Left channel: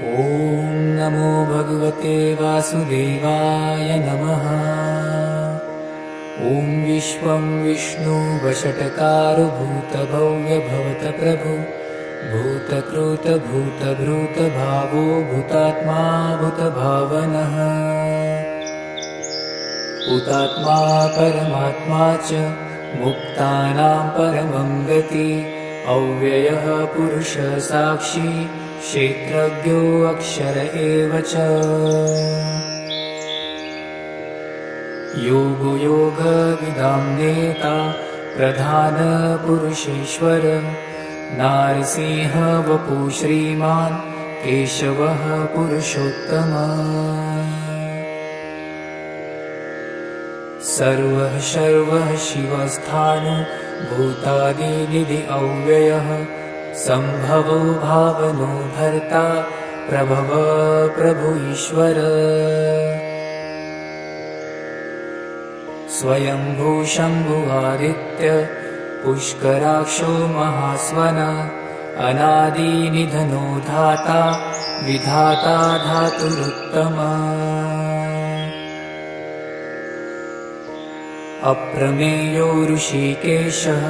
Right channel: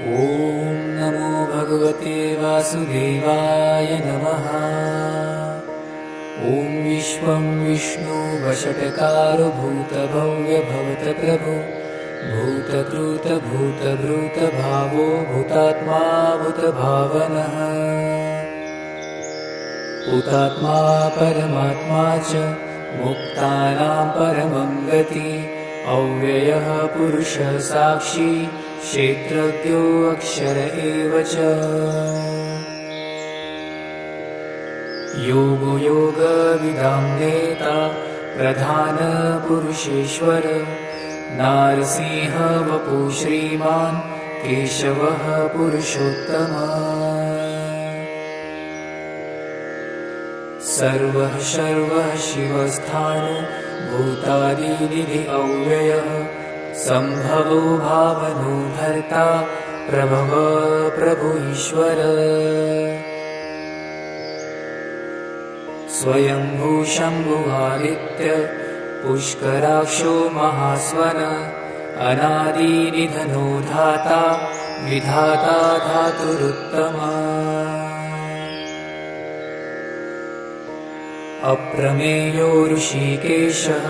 ॐ नमो भगवते वासुदेवाय नमः। ॐ विश्वं विष्णु वषट्कारो भूतभव्य भवतप्रभु भूतकृत भूतभृत भावो भूतात्मा भूतभावनः भूतात्मा परमात्मा च मुक्तानां परमं गति अव्ययः पुरुषः साक्षी क्षेत्रज्ञो अक्षर एव च। योगो योगविदां नेता प्रधान पुरुषेश्वर नारसिंह वपु श्रीमान् केशवः पुरुषोत्तमः। सर्वः शर्वः शिवस्थाणु भूतादिनिधि अव्ययः सम्भवो भावनो भर्ता प्रभव प्रभु ईश्वर। स्वयंभू शम्भुवादित्य पुष्कराक्षो महास्वन अनादिनिधनो धाता विधाता धातुरुत्तमः। अप्रमेयो ऋषिकेशः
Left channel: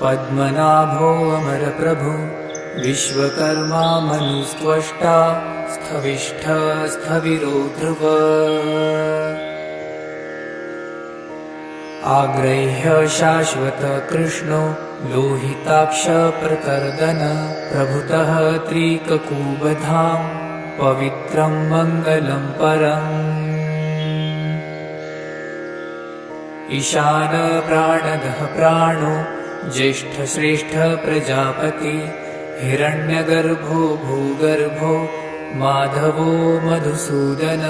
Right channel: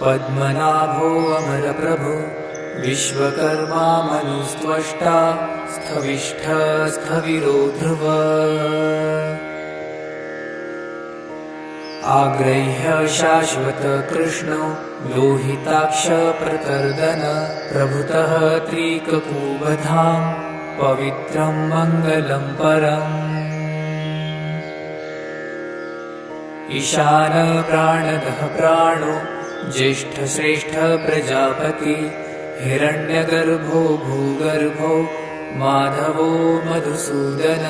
पद्मनाभो अमरप्रभु विश्वकर्मा मनुस्त्वष्टा स्थविष्ठ स्थविरो ध्रुव। आग्रह्य शाश्वत कृष्णो लोहिताक्ष प्रकर्दन प्रभुतः त्रिककुबधां पवित्रं मङ्गलं परम्। ईशान प्राणदः प्राणो ज्येष्ठ श्रेष्ठ प्रजापति हिरण्यगर्भो भूगर्भो माधवो मधुसूदन।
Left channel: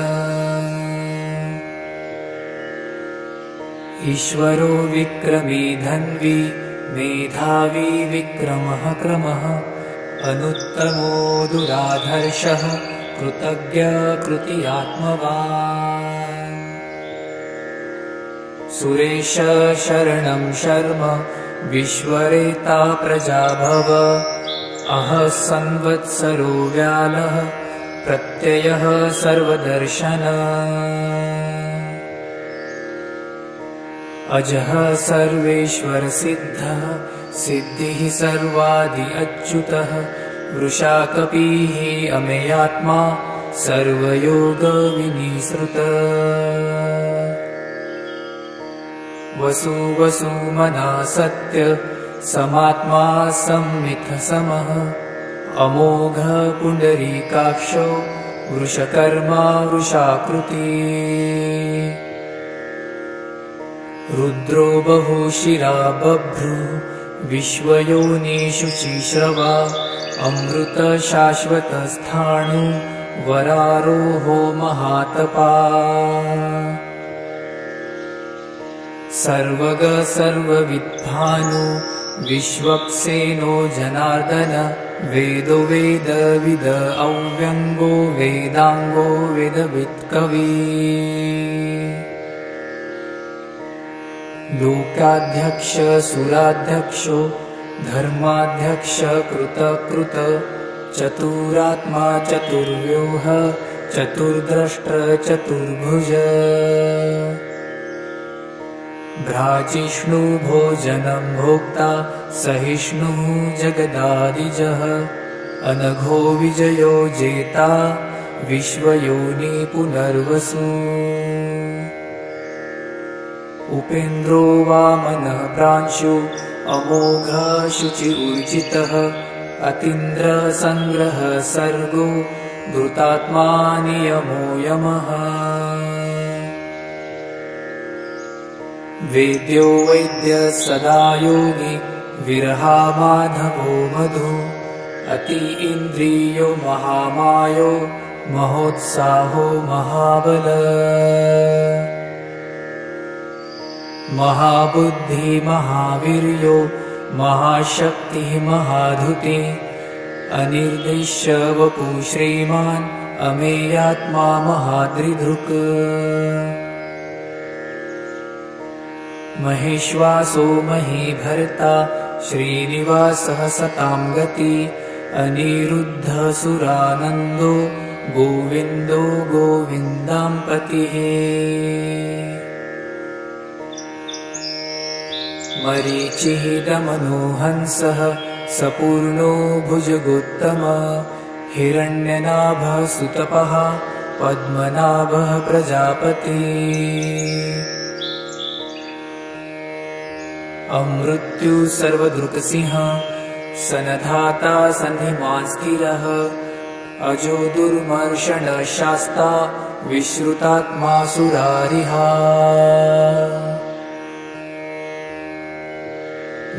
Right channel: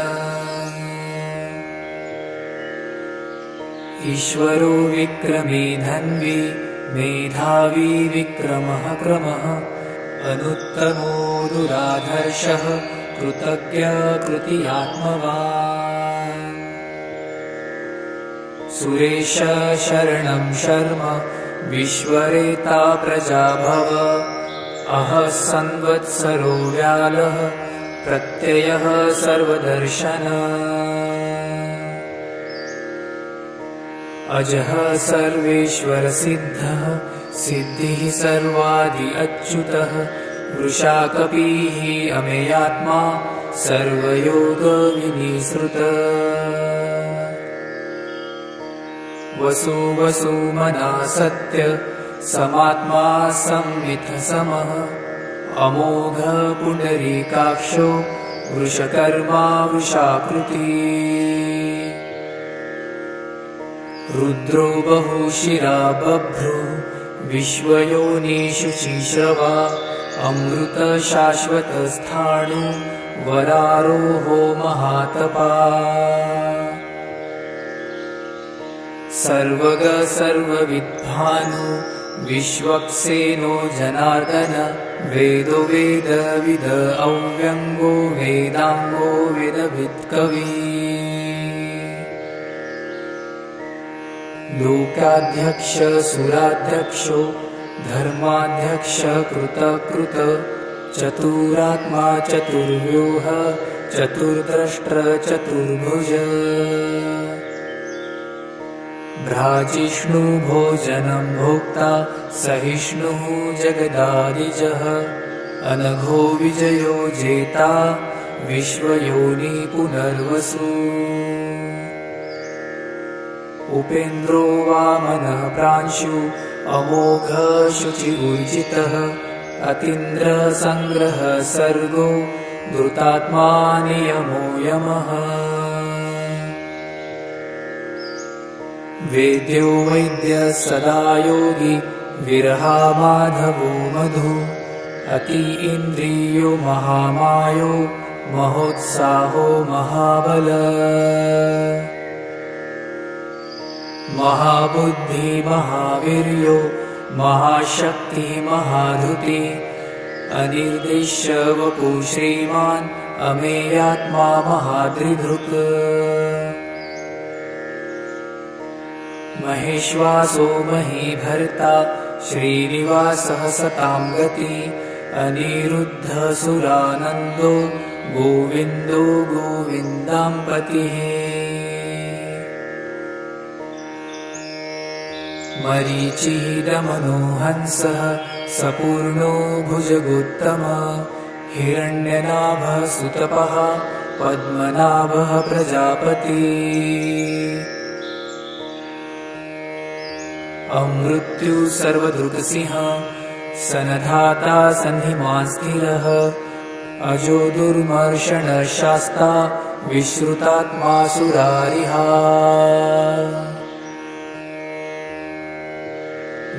ईश्वरो विक्रमी धन्वी मेधावी विक्रमः क्रमः अनुत्तमो दुराधर्षः कृतज्ञ कृतियात्मवान्। सुरेश शरणं शर्म विश्वरेता प्रजाभव अहः संवत्सरो व्यालः प्रत्ययः सर्वदर्शन। अजः सर्वेश्वर सिद्धः सिद्धिः सर्वादि अच्युतः वृषाकपिः अमेयात्मा सर्वयोग विनिसृतः। वसु वसुमना सत्य समात्मा संमिथ समः अमोघ पुण्डरीकाक्षो वृषकर्मा वृषाकृति। रुद्रो बहुशिरा बभ्रु विश्वयोनिषु चिश्रवा अमृत शाश्वतस्थाणु वरारोहो महातपा। सर्वग सर्वविद्भानु विश्वक्सेनो जनार्दन वेदो वेदविद अव्यङ्गो वेदाङ्गो वेदवित्कवी। लोकाध्यक्ष सुराध्यक्षो धर्माध्यक्ष कृतकृत चतुरात्मा चतुर्व्यूह चतुर्द्रष्ट चतुर्भुज। भ्राजिष्णु भोजनं भोक्ता सहिष्णुः जगदादिजः अनघो विजयो जेता विश्वयोनि पुनर्वसु। उपेन्द्रो वामनः प्रांशु अमोघ शुचिर्जितः अतीन्द्र संग्रह सर्गो धृतात्मा नियमो यमः। वेद्यो वैद्य सदा योगी विरहा माधवो मधु अति इन्द्रियो महामायो महोत्साहो महाबल। महाबुद्धि महावीर्यो महाशक्ति महाधुति अनिर्दिश्य वपु श्रीमान् अमेयात्मा महादृधृक्। महेश्वासो महीभर्ता श्रीनिवासः सतां गति अनिरुद्धसुरानन्दो गोविन्दो गोविन्दाम्पतिः मरीचिः दमनो हंसः सपूर्णो भुजगोत्तमः हिरण्यनाभः सुतपः पद्मनाभः प्रजापतिः अमृत्यु सर्वदृक्सिंहः सनधाता सन्निमान् स्थिरः अजो दुर्मर्षणशास्ता विश्रुतात्मा सुरारिहा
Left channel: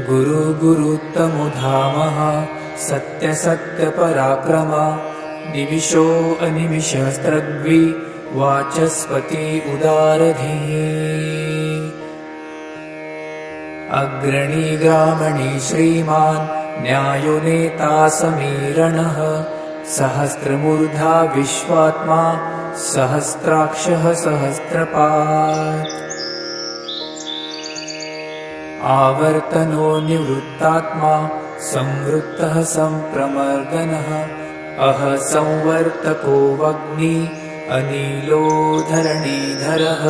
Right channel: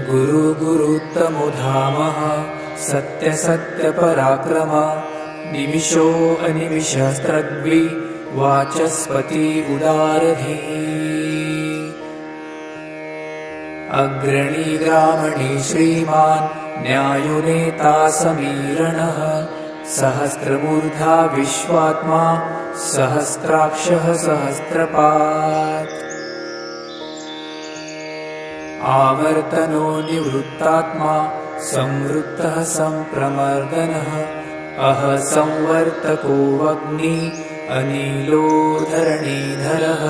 गुरु गुरुत्तमो धामः सत्य सत्य पराक्रमः निविशो अनिविशस्त्रद्वि वाचस्पति उदारधिः अग्रणी ग्रामणी श्रीमान् न्यायो नेता समीरणः सहस्रमूर्धा विश्वात्मा सहस्राक्षः सहस्रपात् आवर्तनो निवृत्तात्मा संवृत्तः संप्रमर्दनः अह संवर्तको वग्नि अनिलो धरणीधरः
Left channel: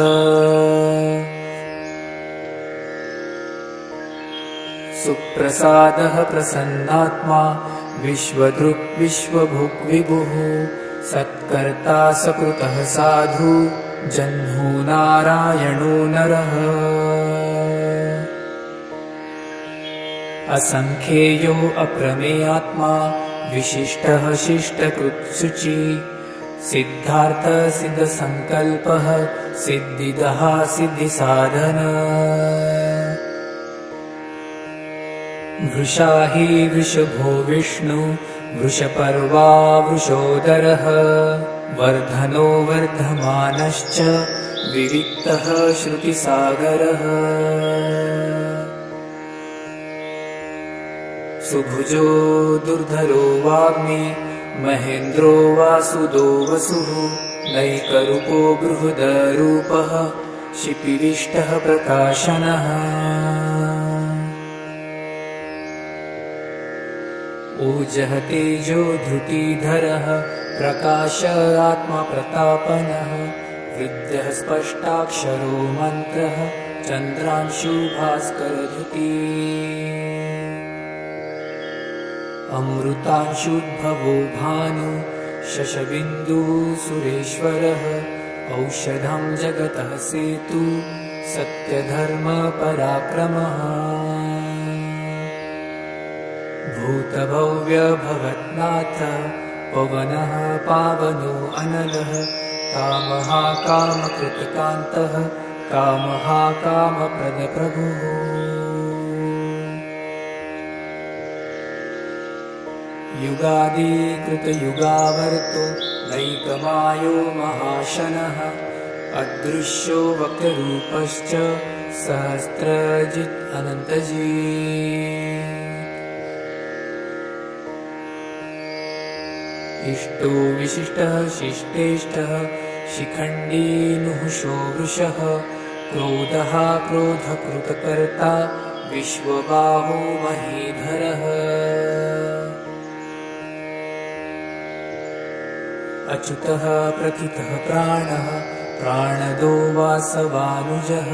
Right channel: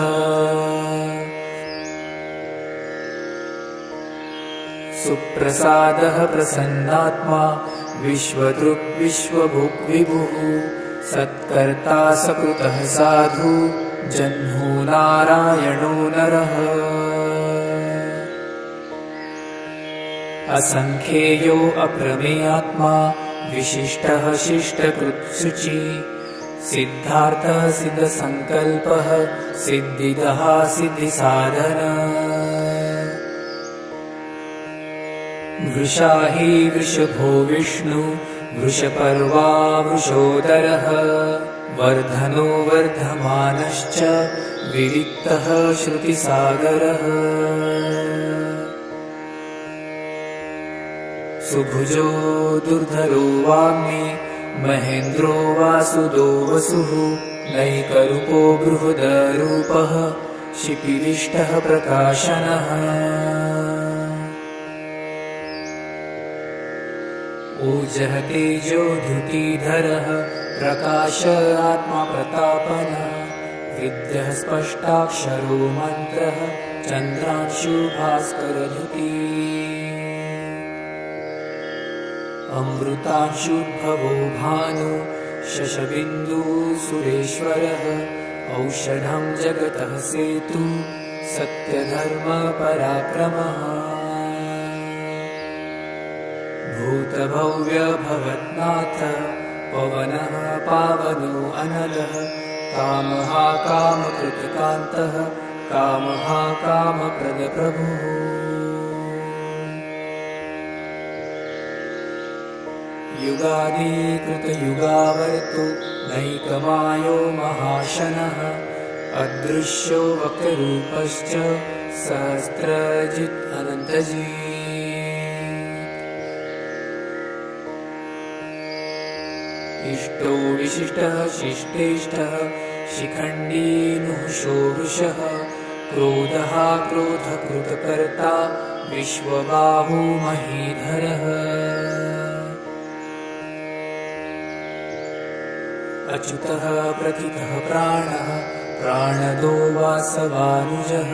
सुप्रसादः प्रसन्नात्मा विश्वदृक् विश्वभुक् विभुः सत्कर्ता सकृतः साधु जह्नु नारायणो नरः असंख्येयो अप्रमेयात्मा विशिष्टः शिष्टकृत्सुचिः सिद्धार्थः सिद्धसंकल्पः सिद्धिदः सिद्धिसाधनः वृषाही वृषभो विष्णु वृषपर्वा वृषोदरः वर्धनो वर्धमानश्च विविक्तः श्रुतिसागरः सुभुजो दुर्धरो वाग्मी महेन्द्रो वासुदो वसुः नैकरूपो बृहदरूपः शिपिरिष्टः प्रकाशनः ऊर्जः तेजो धृतिधरः प्रकाश आत्मा प्रतापनः विद्यः स्पष्टाक्षरो मन्त्रः चन्द्रांशु भास्करधृतिः अमृतांशुद्भवो भानु शशबिन्दुः सुरेश्वरः औषधं जगतः सेतु सत्यधर्मपराक्रमः भूतभव्यभवत्नाथः पवनः पावनो अनलः कामः कामकृतकान्तः कामः कामप्रदप्रभुः युगादिकृतयुगावर्तो नैकमायो महाशनः अदृश्यो वक्ररूपश्च सहस्रजित् अनन्तजित् इष्टो विशिष्टः शिष्टेष्टः शिखण्डी नुहुषो वृषः क्रोधः क्रोधकृतकर्ता विश्वबाहो महीधरः अच्युतः प्रथितः प्राणः प्राणदो वासवानुजः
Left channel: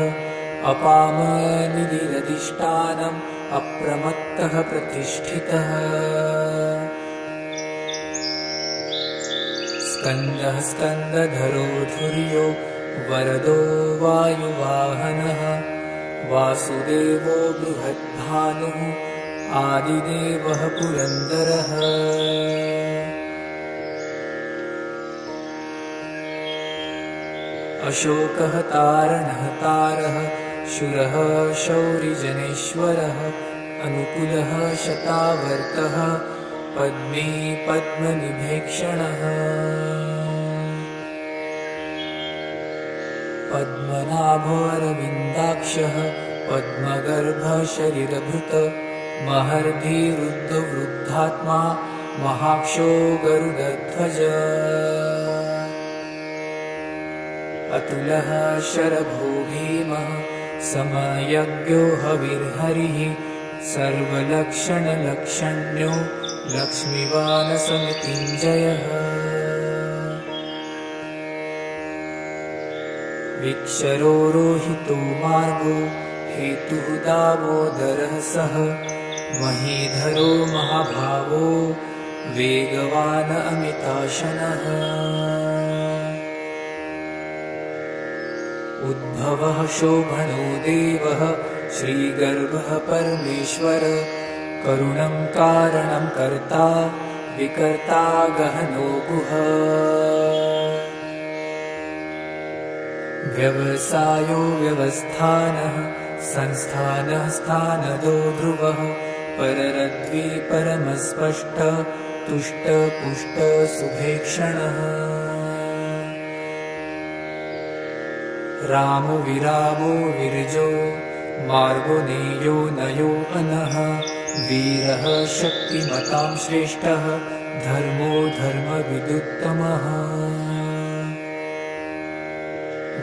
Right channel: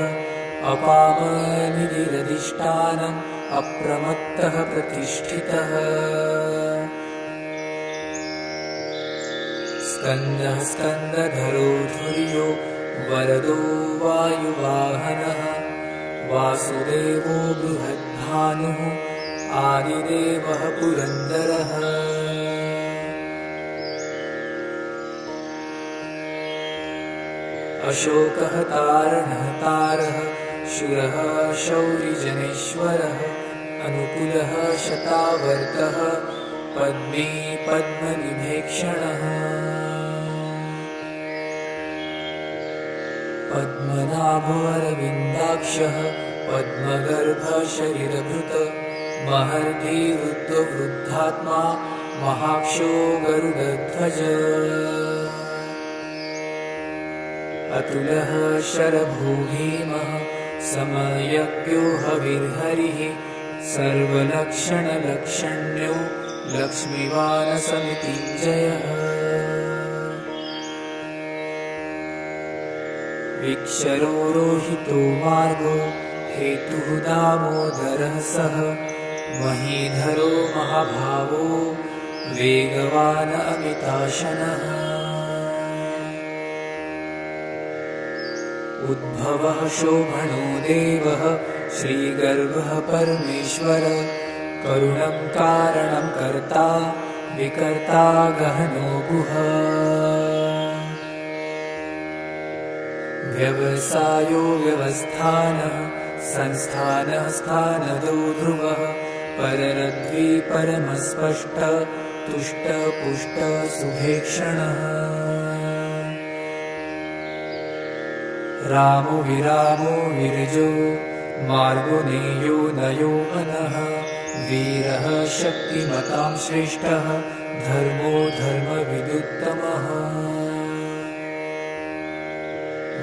अपामनिधिरधिष्ठानम् अप्रमत्तः प्रतिष्ठितः स्कन्दः स्कन्दधरो धुर्यो वरदो वायुवाहनः वासुदेवो बृहद्भानुः आदिदेवः पुरन्दरः अशोकः तारणः तारः शूरः शौरिजनेश्वरः अनुकूलः शतावर्तः पद्मी पद्मनिभेक्षणः पद्मनाभोरविन्दाक्षः पद्मगर्भः शरीरभृत महर्षि वृद्धवृद्धात्मा महाक्षो गरुडध्वज अतुलः शरभो भीमः समयज्ञो हविर्हरिः सर्वलक्षणलक्षण्यो लक्ष्मीवानसमृत्युञ्जयः विक्षरोरोहितो मार्गो हेतुः दामोदरः सः महीधरो महाभावो वेगवान् अमिताशनः उद्भवः शोभनो देवः श्रीगर्भः परमेश्वर करुणं कारणं कर्ता विकर्ता गहनो गुहा व्यवसायो व्यवस्थानः संस्थानः स्थानदो ध्रुवः पररद्वी परमस्पष्ट तुष्ट पुष्ट सुभेक्षणः रामो विरामो विरजो मार्गो नेयो नयो अनः वीरः शक्तिमतां श्रेष्ठः धर्मो धर्मविदुत्तमः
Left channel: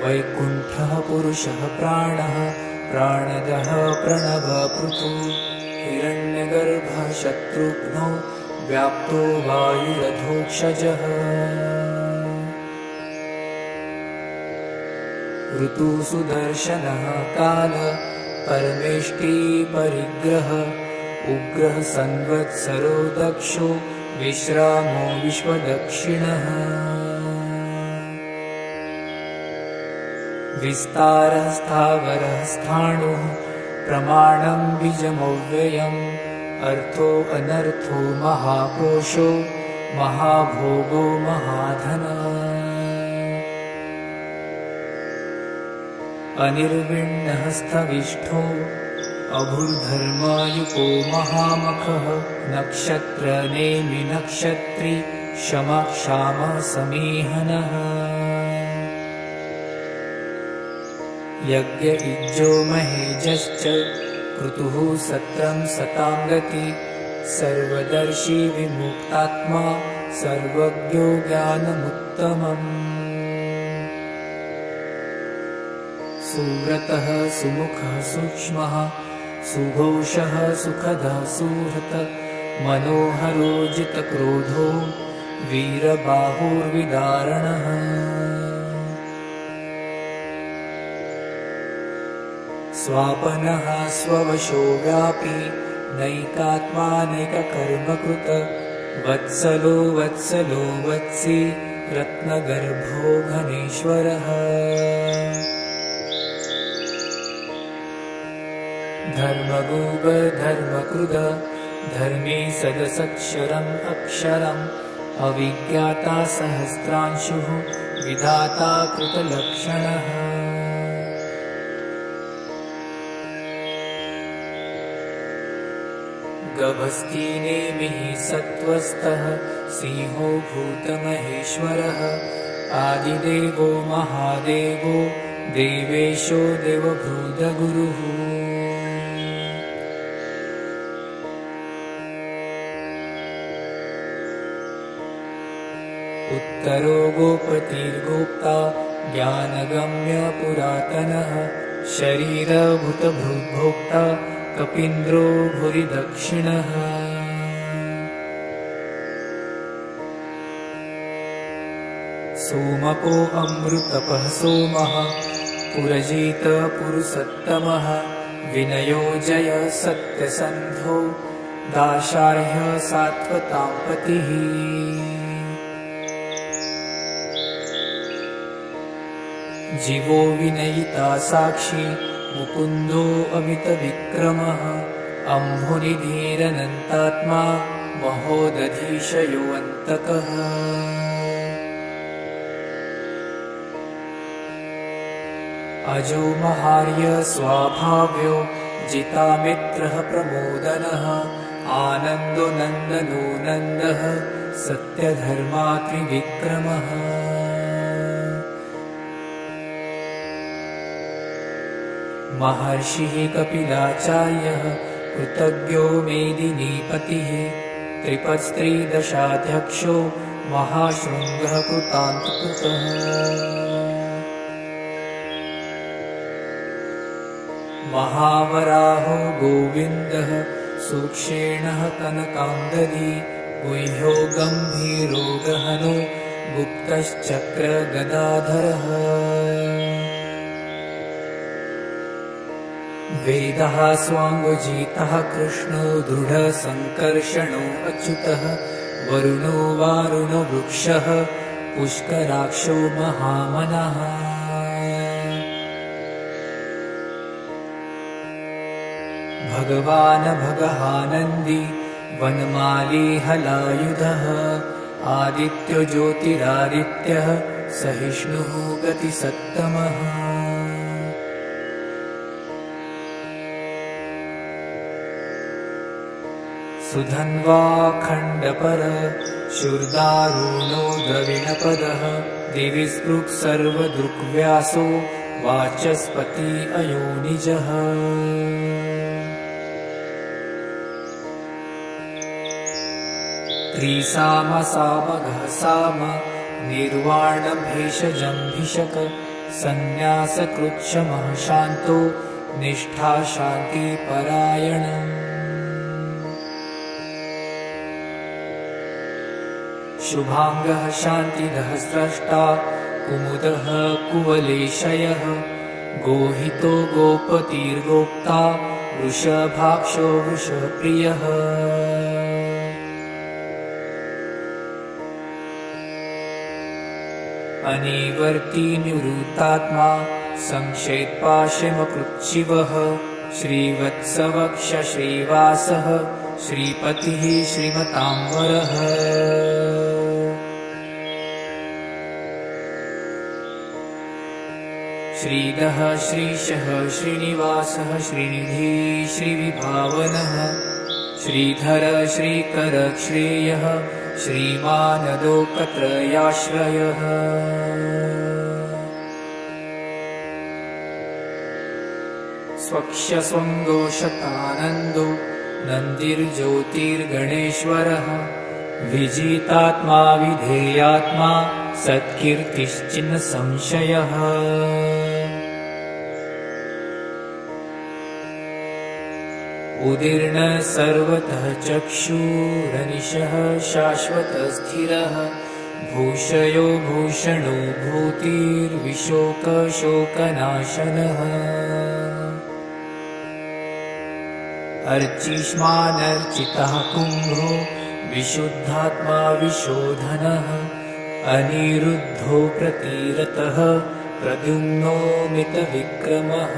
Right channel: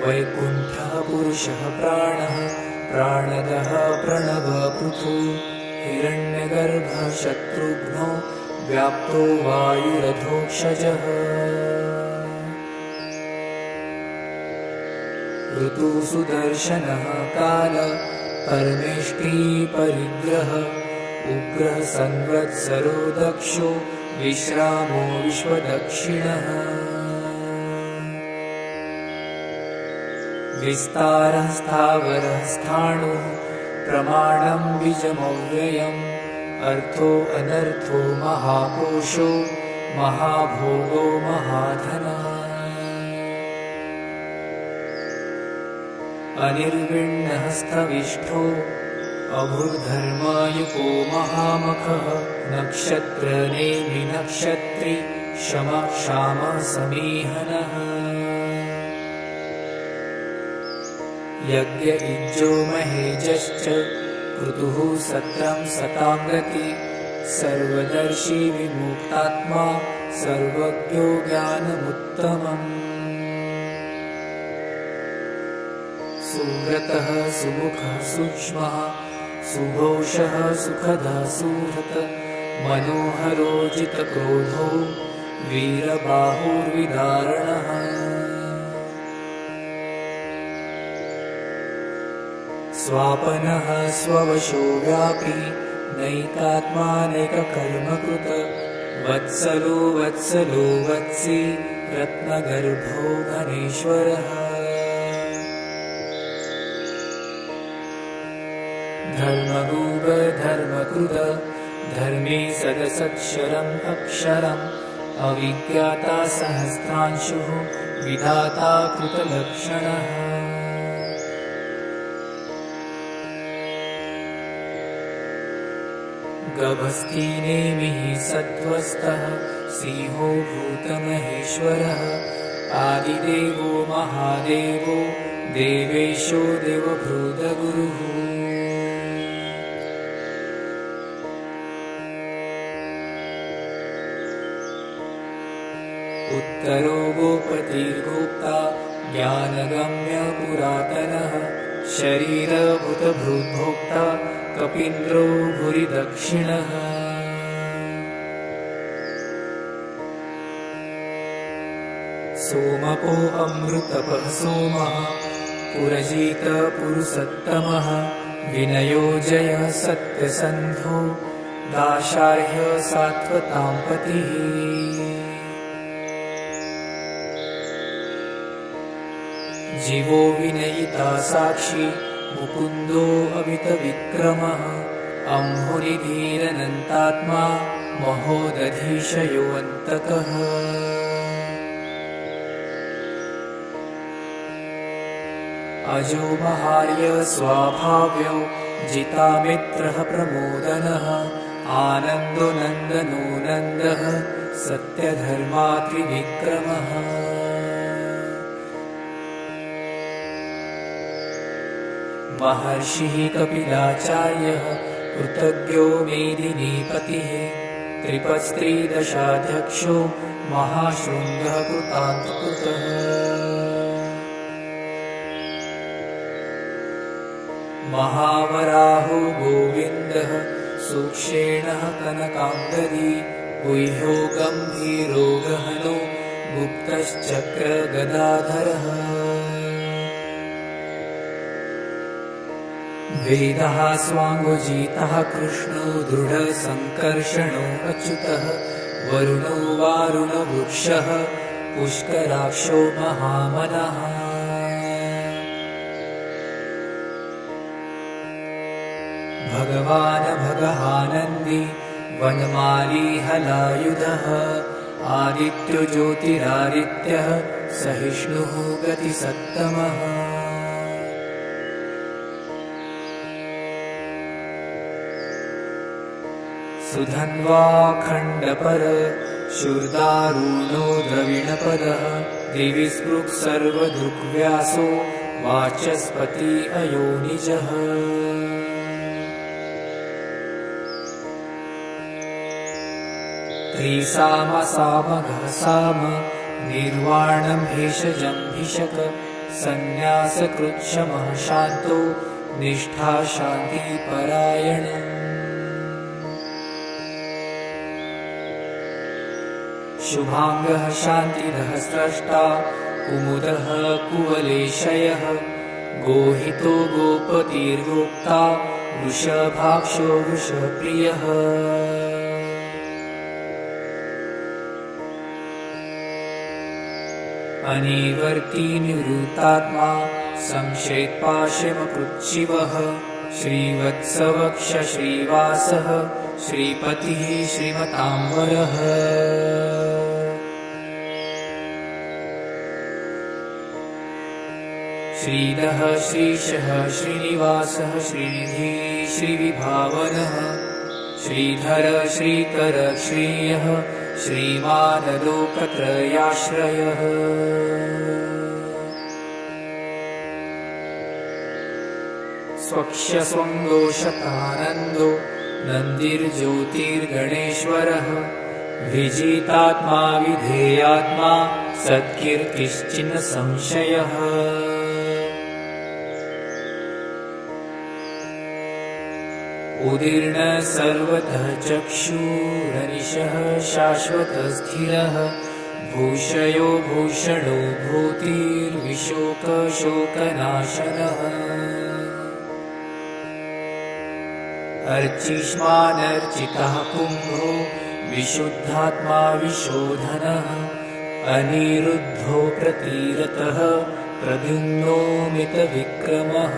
वैकुण्ठः पुरुषः प्राणः प्राणदः प्रणवपृथु हिरण्यगर्भः शत्रुघ्नो व्याप्तो वायुरधोक्षजः ऋतुसुदर्शनः काल परमेष्टि परिग्रह उग्रः संवत्सरो दक्षो विश्रामो विश्वदक्षिणः विस्तारः स्थावरः स्थाणुः प्रमाणं बीजमव्ययम् अर्थो अनर्थो महाकोशो महाभोगो महाधनः अनिर्विण्णः स्थविष्ठो अभूर्धर्मायुपो महामखः नक्षत्रनेमि नक्षत्री शमः क्षामः समीहनः यज्ञ इज्जो महेजश्च क्रतुः सत्रं सतां गति सर्वदर्शी विमुक्तात्मा सर्वज्ञो ज्ञानमुत्तमम् सुव्रतः सुमुखः सूक्ष्मः सुघोषः सुखदः सुहृत् मनोहरो जितक्रोधो वीरबाहुर्विदारणः स्वापनः स्ववशो व्यापी नैकात्मानैककर्मकृत वत्सलो वत्सलो वत्सी रत्नगर्भो घनेश्वरः धर्मगोपधर्मकृद धर्मे सदसक्षरम् अक्षरम् अविज्ञाता सहस्रांशुः विधाता कृतलक्षणः गभस्तिनेमिः सत्त्वस्थः सिंहो भूतमहेश्वरः आदिदेवो महादेवो देवेशो देवभूतगुरुः उत्तरो गोपतिर्गोप्ता ज्ञानगम्य पुरातनः शरीरभूतभृद्भोक्ता कपीन्द्रो भुरि दक्षिणः सोमको अमृतपः सोमः पुरजित पुरुषोत्तमः विनयो जय सत्यसन्धो दाशाह्य सात्वतां पतिः जीवो विनयिता साक्षी मुकुन्दो अमितविक्रमः अम्भुनिधिरनन्तात्मा महोदधीशयोऽन्तकः अजो महार्य स्वाभाव्यो जितामित्रः प्रमोदनः आनन्दो नन्दनो नन्दः सत्यधर्मात्रिविक्रमः महर्षिः कपिलाचार्यः कृतज्ञो मेदिनीपतिः त्रिपस्त्रीदशाध्यक्षो महाशृङ्गः कृतान्तकृतः महावराहो गोविन्दः सूक्षेणः कनकाम्बरी गुह्यो गम्भीरो गहनो गुप्तश्चक्रगदाधरः वेदः स्वाङ्गजितः कृष्णो दृढसङ्कर्षणो अच्युतः वरुणो वारुणवृक्षः पुष्कराक्षो महामनः भगवान् भगहानन्दी वनमाली हलायुधः आदित्यो ज्योतिरादित्यः सहिष्णुः गतिसत्तमः सुधन्वा खण्डपर शूर्दारुणो द्रविणपदः दिवि स्पृक् सर्वदृग्व्यासो वाचस्पति अयोनिजः त्रिसामसामघः साम निर्वाणं भेषजं भिषक संन्यासकृच्छमः शान्तो निष्ठा शान्तिपरायण शुभांगः शान्तिदः स्रष्टा कुमुदः कुवलेशयः गोहितो गोपतिर्गोप्ता वृषभाक्षो वृषप्रियः अनिवर्ती निवृत्तात्मा संक्षेपाशमकृच्छिवः श्रीवत्सवक्ष श्रीवासः श्रीपतिः श्रीमताम्बरः श्रीदः श्रीशः श्रीनिवासः श्रीनिधि श्रीविभावनः श्रीधर श्रीकर श्रेयः श्रीमानदोकत्रयाश्रयः स्वक्षस्वङ्गोषतानन्दो नन्दिर्ज्योतिर्गणेश्वरः विजितात्मा विधेयात्मा सत्कीर्तिश्चिन् संशयः उदीर्ण सर्वतः चक्षुरनिशः शाश्वतस्थिरः भूषयो भूषणो भूतिर्विशोकशोकनाशनः अर्चिष्मानर्चितः कुम्भो विशुद्धात्मा विशोधनः अनिरुद्धो प्रतिरतः प्रद्युम्नो मितविक्रमः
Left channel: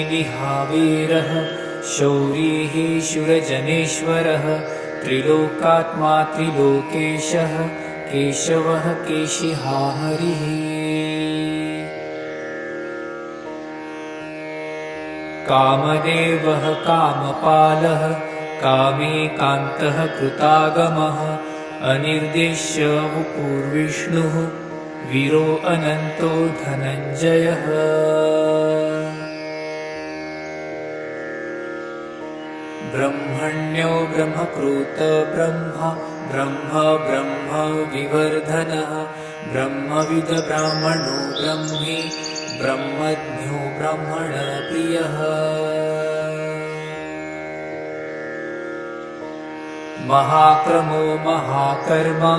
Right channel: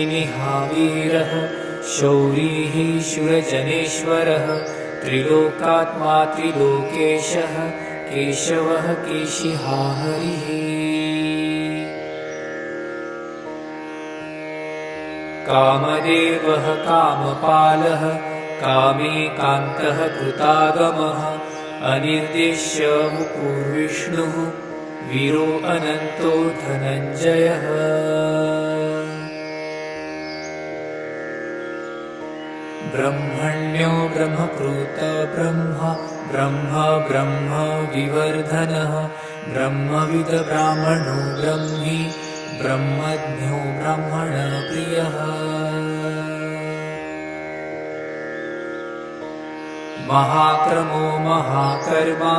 कालनेमिनिहावीरः शौरिः शूरजनेश्वरः त्रिलोकात्मा त्रिलोकेशः केशवः केशिहाहरिः कामदेवः कामपालः कामेकान्तः कृतागमः अनिर्देश्य उपूर्विष्णुः वीरो अनन्तो धनञ्जयः ब्रह्मण्यो ब्रह्मकृत ब्रह्म ब्रह्म ब्रह्म विवर्धनः ब्रह्मविद ब्राह्मणो ब्रह्मी ब्रह्मज्ञो ब्रह्मण प्रियः महाक्रमो महाकर्मा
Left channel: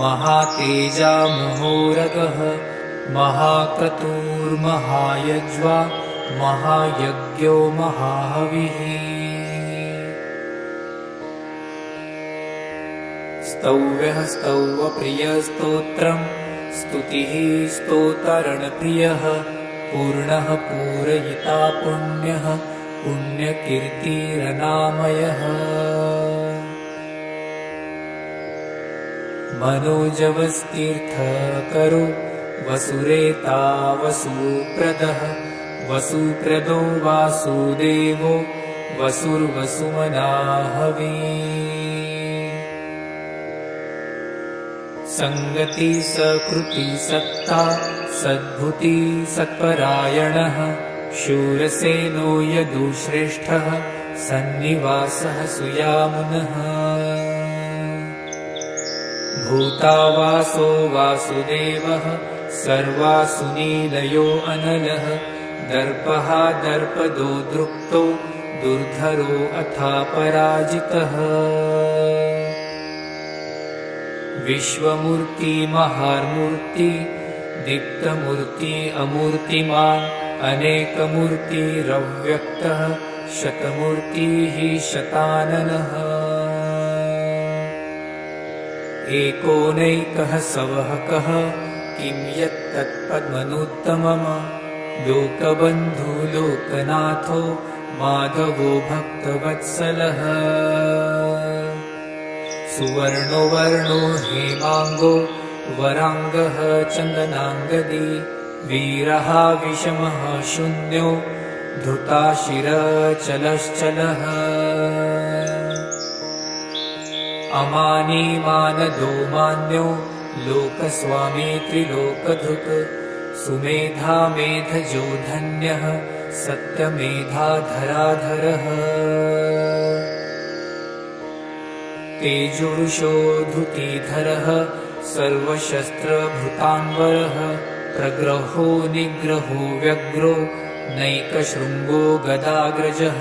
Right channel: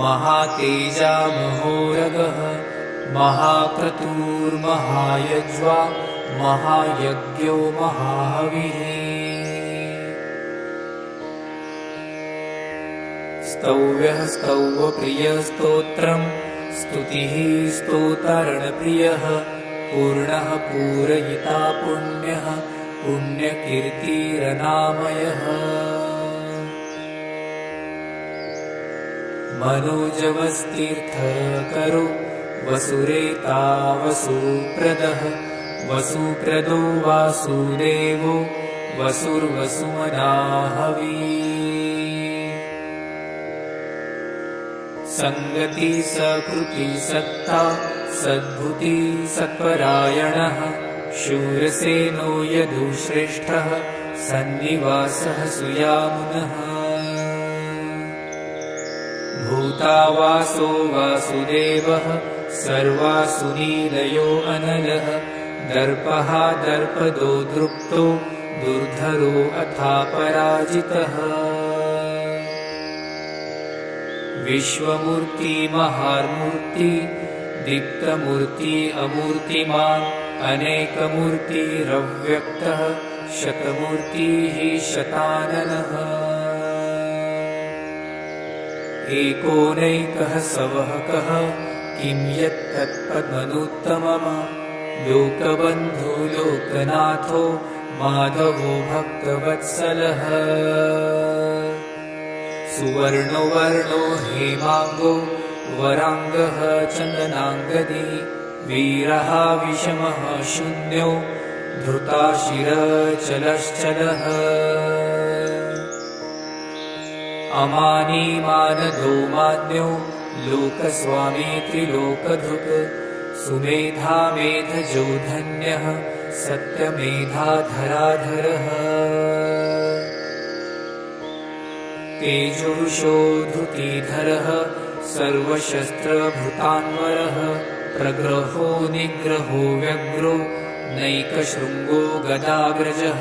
महातेजा महोरगः महाक्रतुर्महायज्वा महायज्ञो महाहविः स्तौव्यः स्तौवप्रियस्तोत्रम् स्तुतिः स्तोतरणप्रियः पूर्णः पूरयिता पुण्यः पुण्यकीर्तिरनामयः मनोजवस्तीर्थकरो वसुरेता वसुप्रदः वसुप्रदो वासुदेवो वसुर्वसुमनाहवी संगति सकृति सत्ता सद्भुति सत्परायणः शूरसेनो यदुश्रेष्ठः सन्निवासः सुयामुनः भूतावासो वासुदेवः सर्वासु नीलयो अनलः दर्पः दर्पदो दृप्तो दुर्धरो अथा पराजितः विश्वमूर्ति महामूर्ति दीप्तमूर्ति अमूर्तिमान् अनेकमूर्तिरव्यक्तः शतमूर्तिः शताननः एकोनैकः सवहकः किं यत्तत्पद्मनुत्तमम् लोकबन्धो लोकनाथो माधवो भक्तवत्सलः सुवर्णो वर्णो हेमाङ्गो वराङ्गः चन्दनाङ्गदी वीरः विषमः शून्यो धृताशिरचलश्चलः अमानी मानदो मान्यो लोकस्वामी त्रिलोकधृक् सुमेधा मेधजो धन्यः सत्यमेधाधराधरः तेजोषो धृतिधरः सर्वशस्त्रभृतान्वरः प्रग्रहो निग्रहो व्यग्रो नैकशृङ्गो गदाग्रजः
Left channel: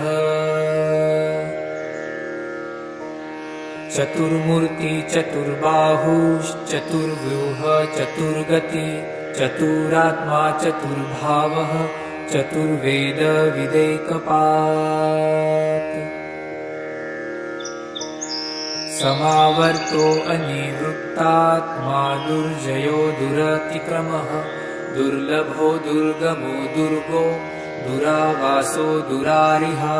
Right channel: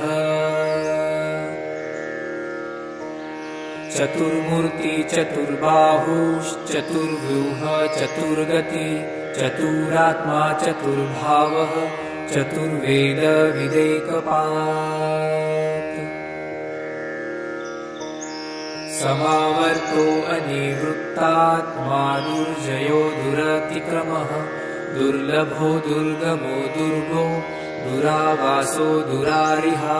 चतुर्मूर्ति चतुर्बाहुश्चतुर्व्यूह चतुर्गति चतुरात्मा चतुर्भावः चतुर्वेद विदेकपात् समावर्तो अनिवृत्तात्मा दुर्जयो दुरतिक्रमः दुर्लभो दुर्गमो दुर्गो दुरावासो दुरारिहा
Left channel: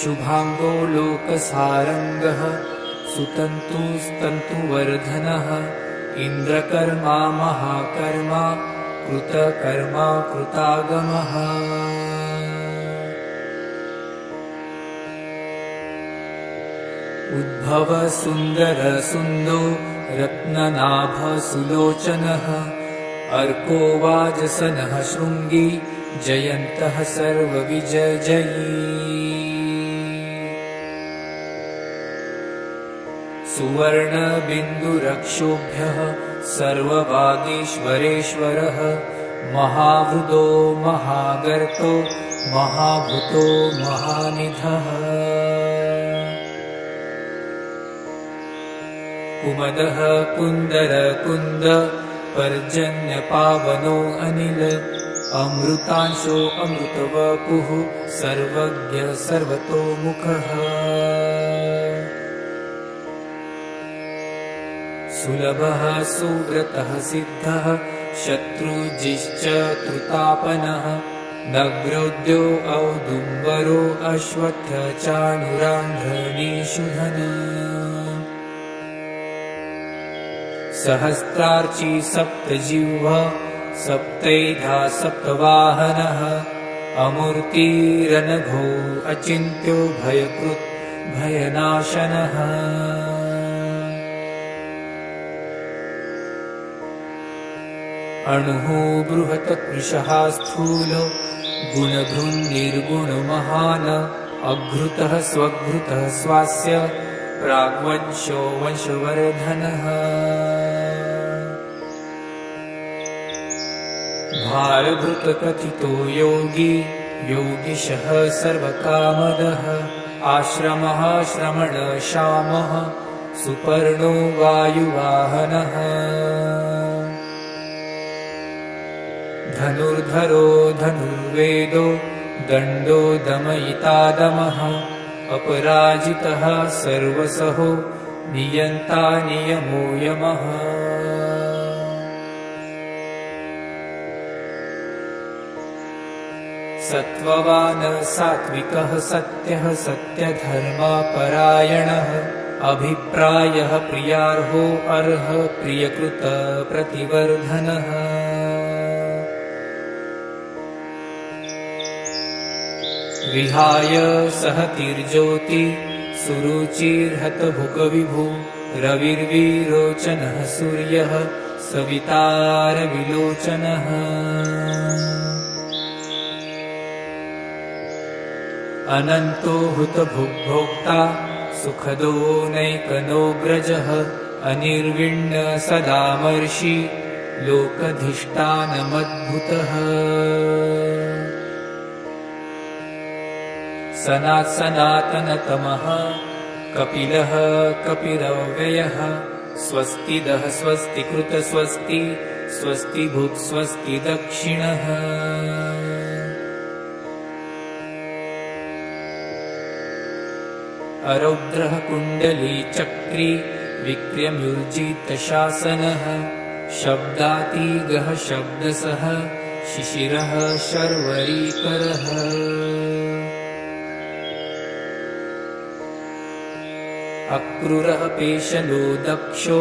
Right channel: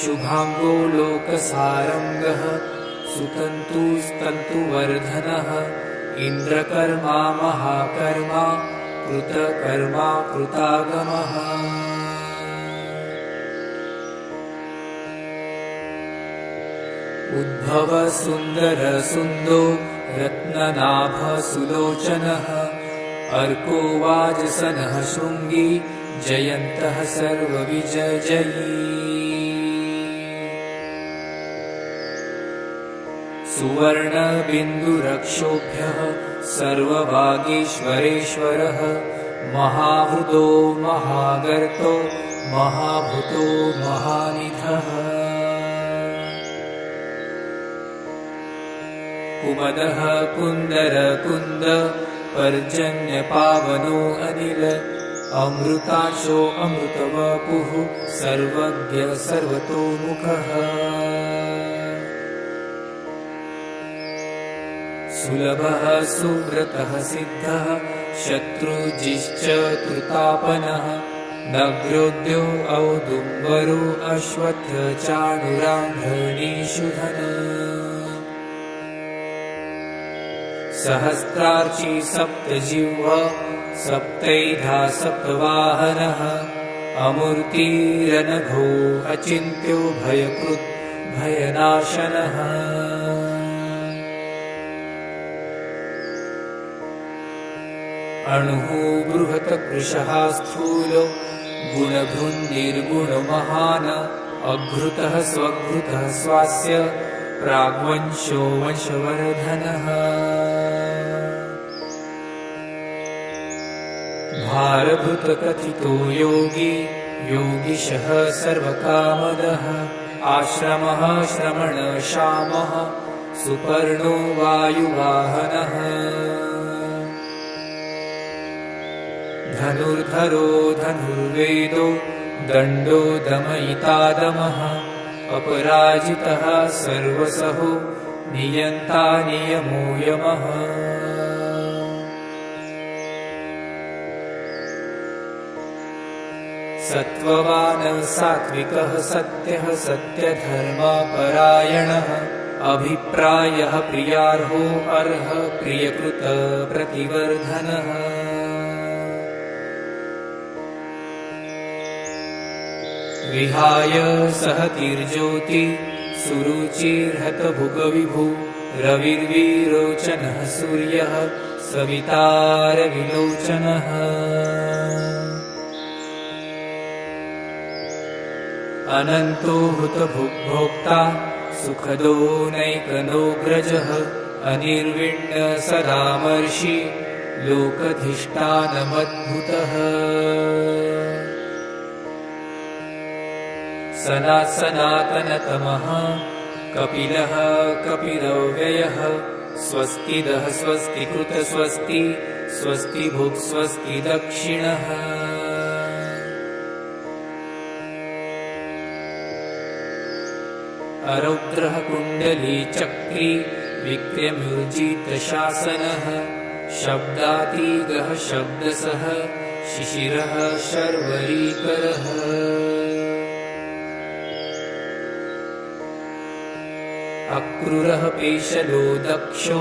शुभाङ्गो लोकसारङ्गः सुतन्तुस्तन्तुवर्धनः इन्द्रकर्मा महाकर्मा कृतकर्मा कृतागमः उद्भव सुन्दर सुन्दो रत्ननाभ सुलोचनः अर्को वाजसनः शृङ्गी जयन्तः सर्वविजयी सुवर्णबिन्दुरक्षोभ्यः सर्वभागीश्वरेश्वरः महाभृदो महागर्तो महाभूतो महानिधः कुमदः कुन्दर कुन्द पर्जन्यपावनो अनिल अमृतांशो अमृतवपुः सर्वज्ञ सर्वतोमुखः सुलभः सुव्रतः सिद्धः शत्रुजिश्च कृतापनः नग्रोद्यो औदुम्बरो अश्वत्थ चाणुरान्धनीषुधन सहस्रार्ची सप्तजिह्व सप्तैधा सप्तवाहनः अमूर्तिरनघो अचिन्त्यो भयकृत् भयनाशनः अणुः बृहत्कृशः स्थूलो गुणभृन्निर्गुणमहान् अभृतः स्वभृतः स्वास्य प्राग्वंशो वंशवर्धनः भारभृतकथितो योगी योगिशः सर्वकामदः आश्रमः श्रमणश्यामः सुपर्णो वायुवाहनः धनुर्धरो धनुर्वेदो दण्डो दमयितादमः अपराजितः सर्वसहो नियन्ता नियमो यमः सत्त्ववान् सात्विकः सत्यः सत्यधर्मपरायणः अभिप्रायः प्रियार्हो अर्ह प्रियकृत प्रतिवर्धनः विहाय सहतिर्ज्योति सुरुचिर्हतभुकविभो रविर्विरोचनः सूर्यः सवितारविलोचनः अनन्तो हुतभुग्भोक्ता सुखदो नैकनोऽग्रजः अनिर्विण्ण सदामर्षि लोकधिष्ठानमद्भुतः सनातनतमः कपिलः कपिलव्ययः स्वस्तिदः स्वस्तिकृत स्वस्ति स्वस्ति भुक् स्वस्ति दक्षिणः अरौद्रः कुण्डली चक्री विक्रम्युर्जितशासनः शब्दातीगः शब्दसः शिशिरः शर्वरीकरः अक्रूरः पेशलो दक्षो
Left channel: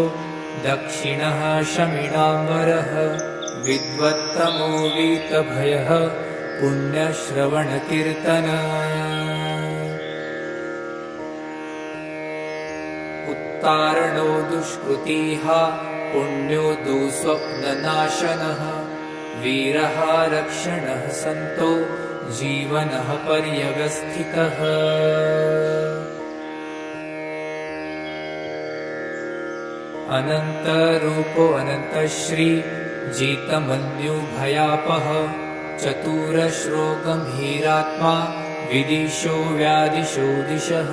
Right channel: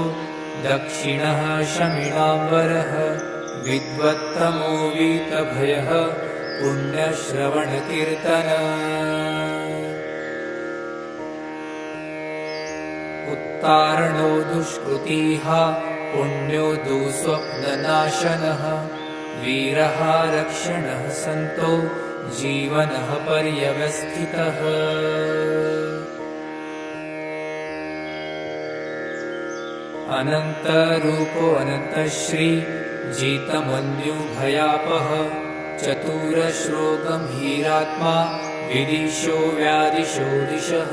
दक्षिणः शमिणाम्बरः विद्वत्तमो वीतभयः पुण्यश्रवणकीर्तनः उत्तारणो दुष्कृतिः पुण्यो दुःस्वप्ननाशनः वीरः रक्षणः सन्तो जीवनः पर्यवस्थितः अनन्तरूपो अनन्तश्री जितमन्युभयापः चतुरश्रो गम्भीरात्मा विदिशो व्यादिशो दिशः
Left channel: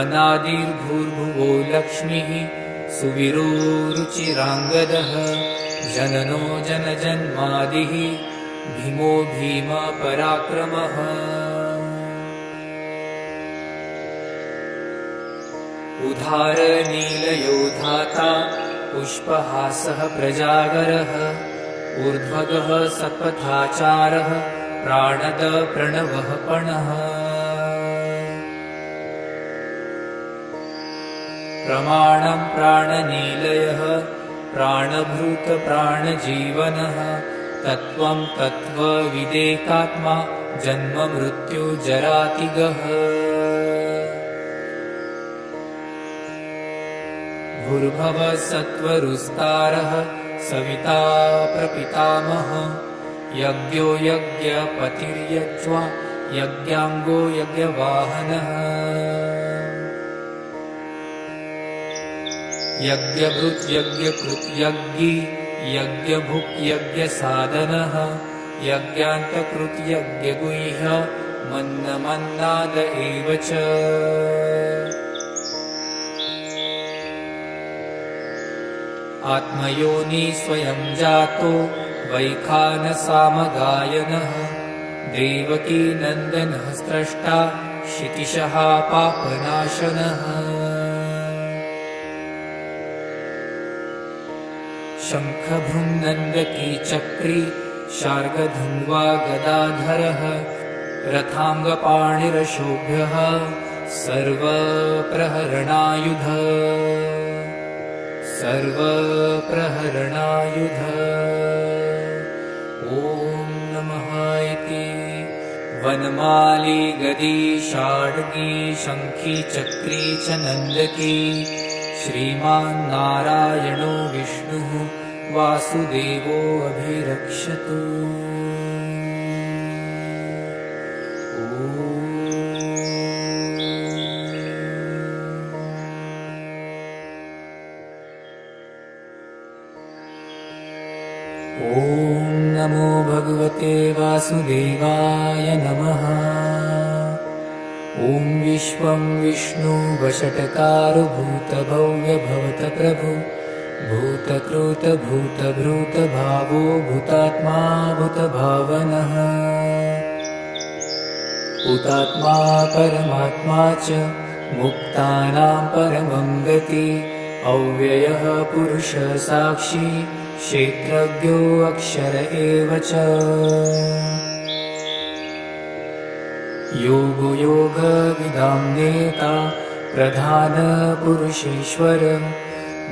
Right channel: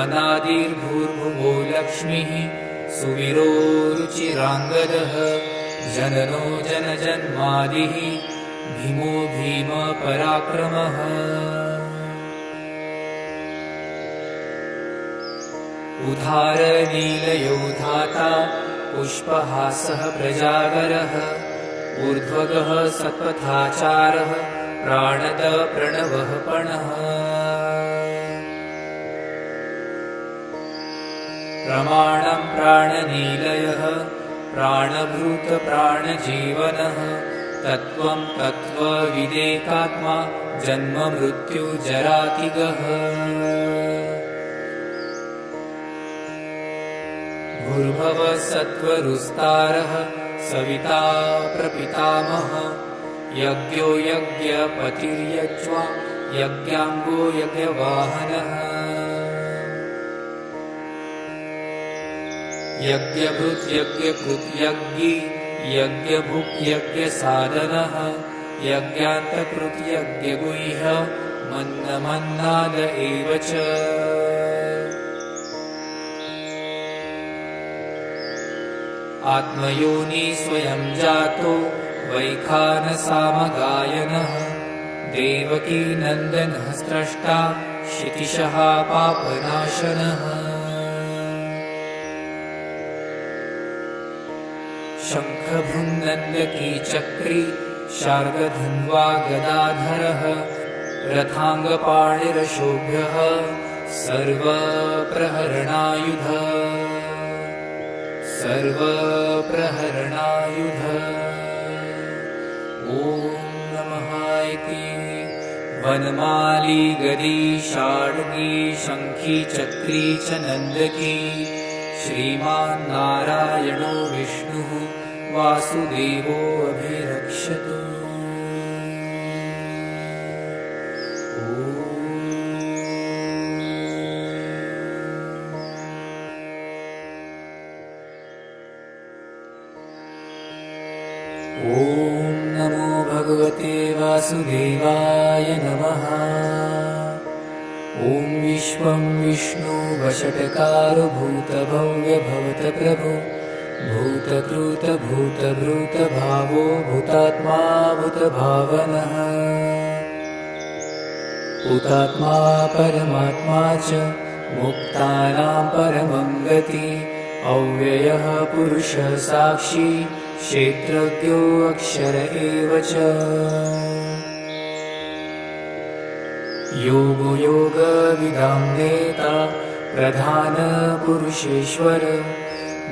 अनादिर्भूर्भुवो लक्ष्मीः सुवीरो रुचिराङ्गदः जननो जनजन्मादिः भीमो भीमपराक्रमः उदारनीलयो धाता पुष्पहासः प्रजागरः ऊर्ध्वगः सपथाचारः प्राणद प्रणवः पणः प्रमाणं प्राणनीलयः प्राणभृत प्राणजीवनः तत्त्वं तत्त्वविदेकात्मा जन्म मृत्युजरातिगः भूर्भुवः सत्त्वरुस्तारः सविता प्रपितामहः यज्ञो यज्ञपतिर्यज्वा यज्ञाङ्गो यज्ञवाहनः यज्ञभृत् यज्ञकृत् यज्ञी यज्ञभुक् यज्ञसाधनः यज्ञान्तकृत् यज्ञगुह्य मन्नमन्नाद एव च आत्मयोनि स्वयं जातो वैखानसामगायनः देवकी नन्दनः स्रष्टा क्षितिशः पापनाशनः शङ्खभृन्नन्दकी चक्री शार्ङ्गधन्वा गदाधरः रथाङ्गपाणिरशोभ्यः सर्वप्रहरणायुध ॐ नमः इति वनमाली गदी शार्ङ्गी शङ्खी चक्री च नन्दकी श्रीमान् नारायणो विष्णुः वासुदेवो अभिरक्षतु ॐ नमो भगवते वासुदेवाय नमः ॐ विश्वं विष्णु वषट्कारो भूतभव्यभवत प्रभु भूतकृत भूतभृत भावो भूतात्मा भूतभावनः भूतात्मा परमात्मा च मुक्तानां परमं गति अव्ययः पुरुषः साक्षी क्षेत्रज्ञो अक्षर एव च योगो योगविदां नेता प्रधान पुरुषेश्वर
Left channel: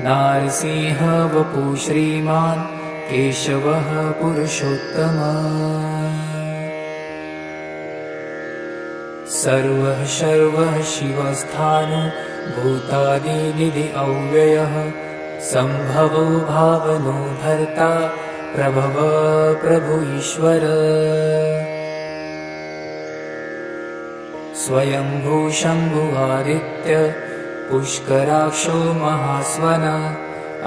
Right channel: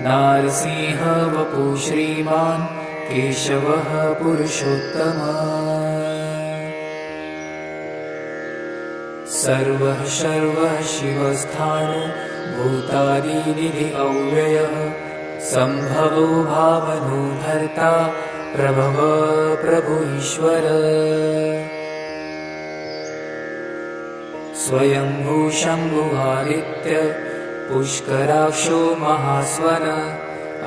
नारसिंह वपु श्रीमान् केशवः पुरुषोत्तमः सर्वः सर्वः शिवस्थानो भूतादिनिधि अव्ययः सम्भवो भावनो भर्ता प्रभव प्रभु ईश्वर स्वयंभू शम्भुवादित्य पुष्कराक्षो महास्वन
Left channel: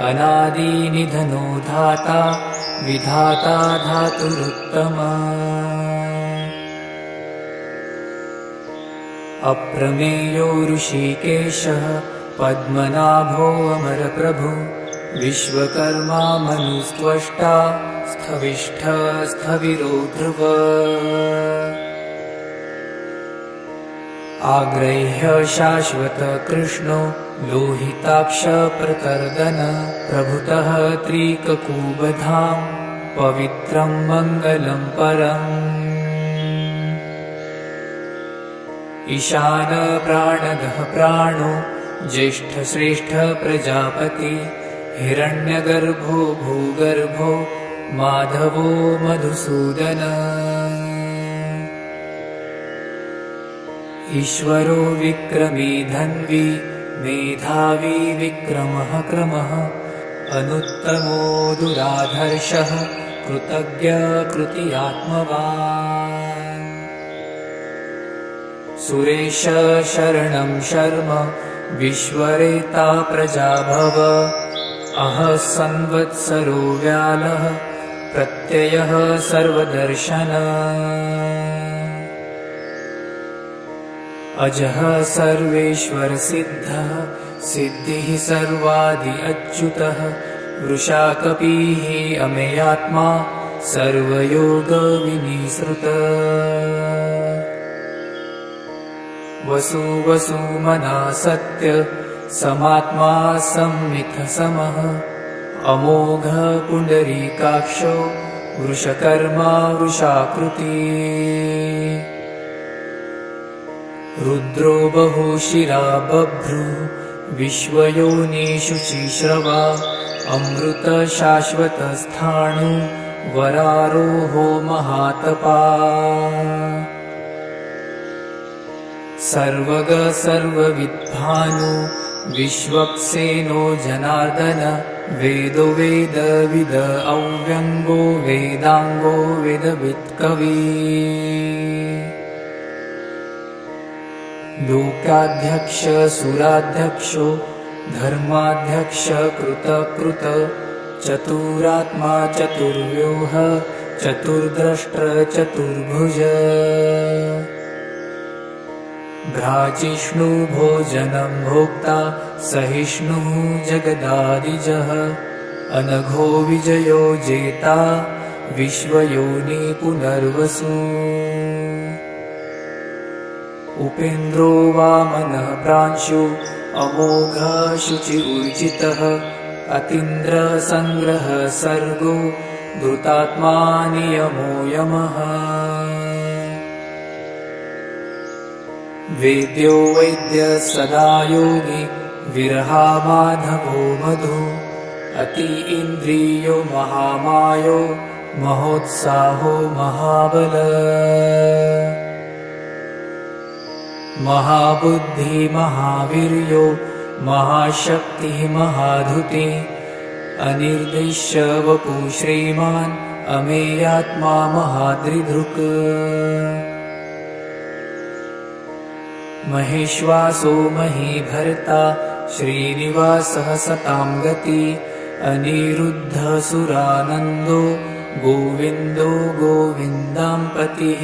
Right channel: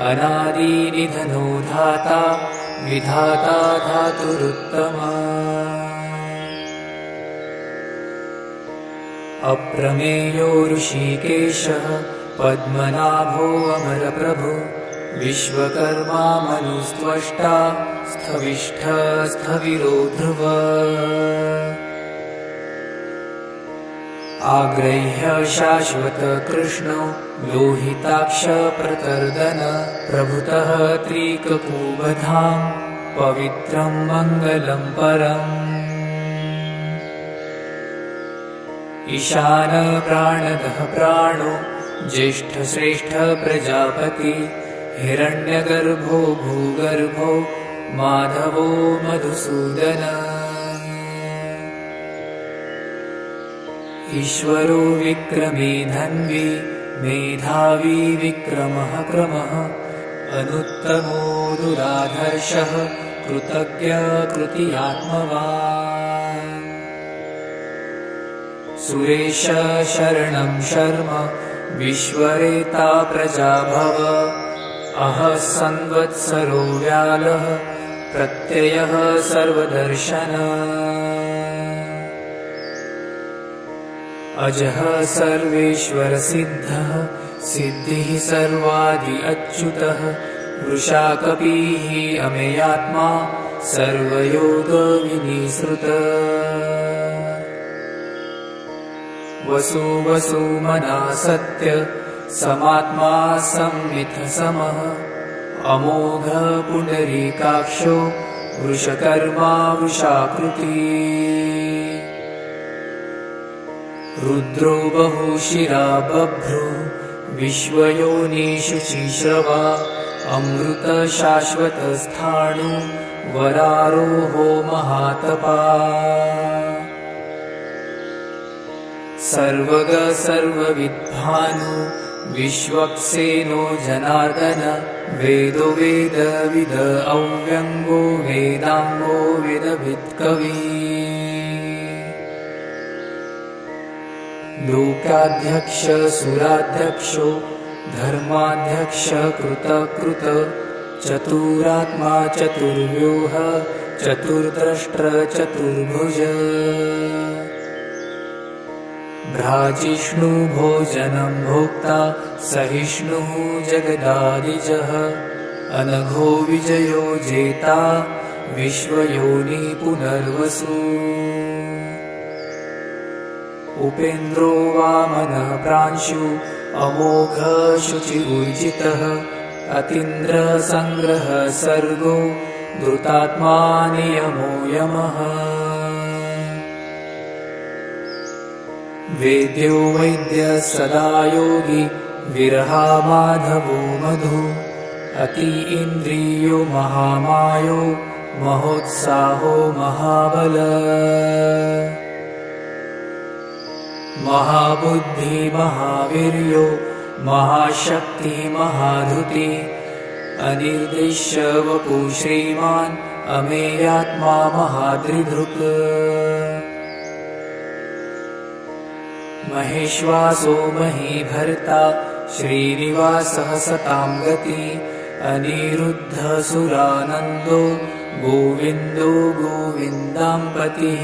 अनादिनिधनो धाता विधाता धातुरुत्तमा अप्रमेयो ऋषिकेशः पद्मनाभो अमरप्रभु विश्वकर्मा मनुस्त्वष्टा स्थविष्ठ स्थविरो ध्रुव आग्रह्य शाश्वत कृष्णो लोहिताक्ष प्रतर्दन प्रभुतः त्रिककुबधाम पवित्रं मङ्गलं परम् ईशान प्राणदः प्राणो ज्येष्ठ श्रेष्ठ प्रजापति हिरण्यगर्भो भूगर्भो माधवो मधुसूदन ईश्वरो विक्रमी धन्वी मेधावी विक्रमः क्रमः अनुत्तमो दुराधर्षः कृतज्ञ कृतियात्मवान् सुरेश शरणं शर्म विश्वरेता प्रजाभव अह संवत्सरो व्यालः प्रत्ययः सर्वदर्शन अजः सर्वेश्वर सिद्धः सिद्धिः सर्वादि अच्युतः वृषाकपिः अमेयात्मा सर्वयोग विनिसृतः वसु वसुमना सत्य समात्मा संमिथ समः अमोघ पुण्डरीकाक्षो वृषकर्मा वृषाकृति रुद्रो बहुशिरा बभ्रु विश्वयोनिषु चिश्रवा अमृत शाश्वतस्थाणु वरारोहो महातपा सर्वग सर्वविद्भानु विश्वक्सेनो जनार्दन वेदो वेदविद अव्यङ्गो वेदाङ्गो वेदवित्कवी लोकाध्यक्ष सुराध्यक्षो धर्माध्यक्ष कृतकृत चतुरात्मा चतुर्व्यूह चतुर्द्रष्ट चतुर्भुज भ्राजिष्णु भोजनं भोक्ता सहिष्णुः जगदादिजः अनघो विजयो जेता विश्वयोनि पुनर्वसु उपेन्द्रो वामनः प्रांशु अमोघ शुचिर्जितः अतीन्द्र संग्रह सर्गो धृतात्मा नियमो यमः वेद्यो वैद्य सदा योगी विरहा माधवो मधु अति इन्द्रियो महामायो महोत्साहो महाबल महाबुद्धि महावीर्यो महाशक्ति महाधुति अनिर्दिश्य वपु श्रीमान् अमेयात्मा महादृधृक् महेश्वासो महीभर्ता श्रीनिवासः सतां गति अनिरुद्ध सुरानन्दो गोविन्दो गोविन्दाम्पतिः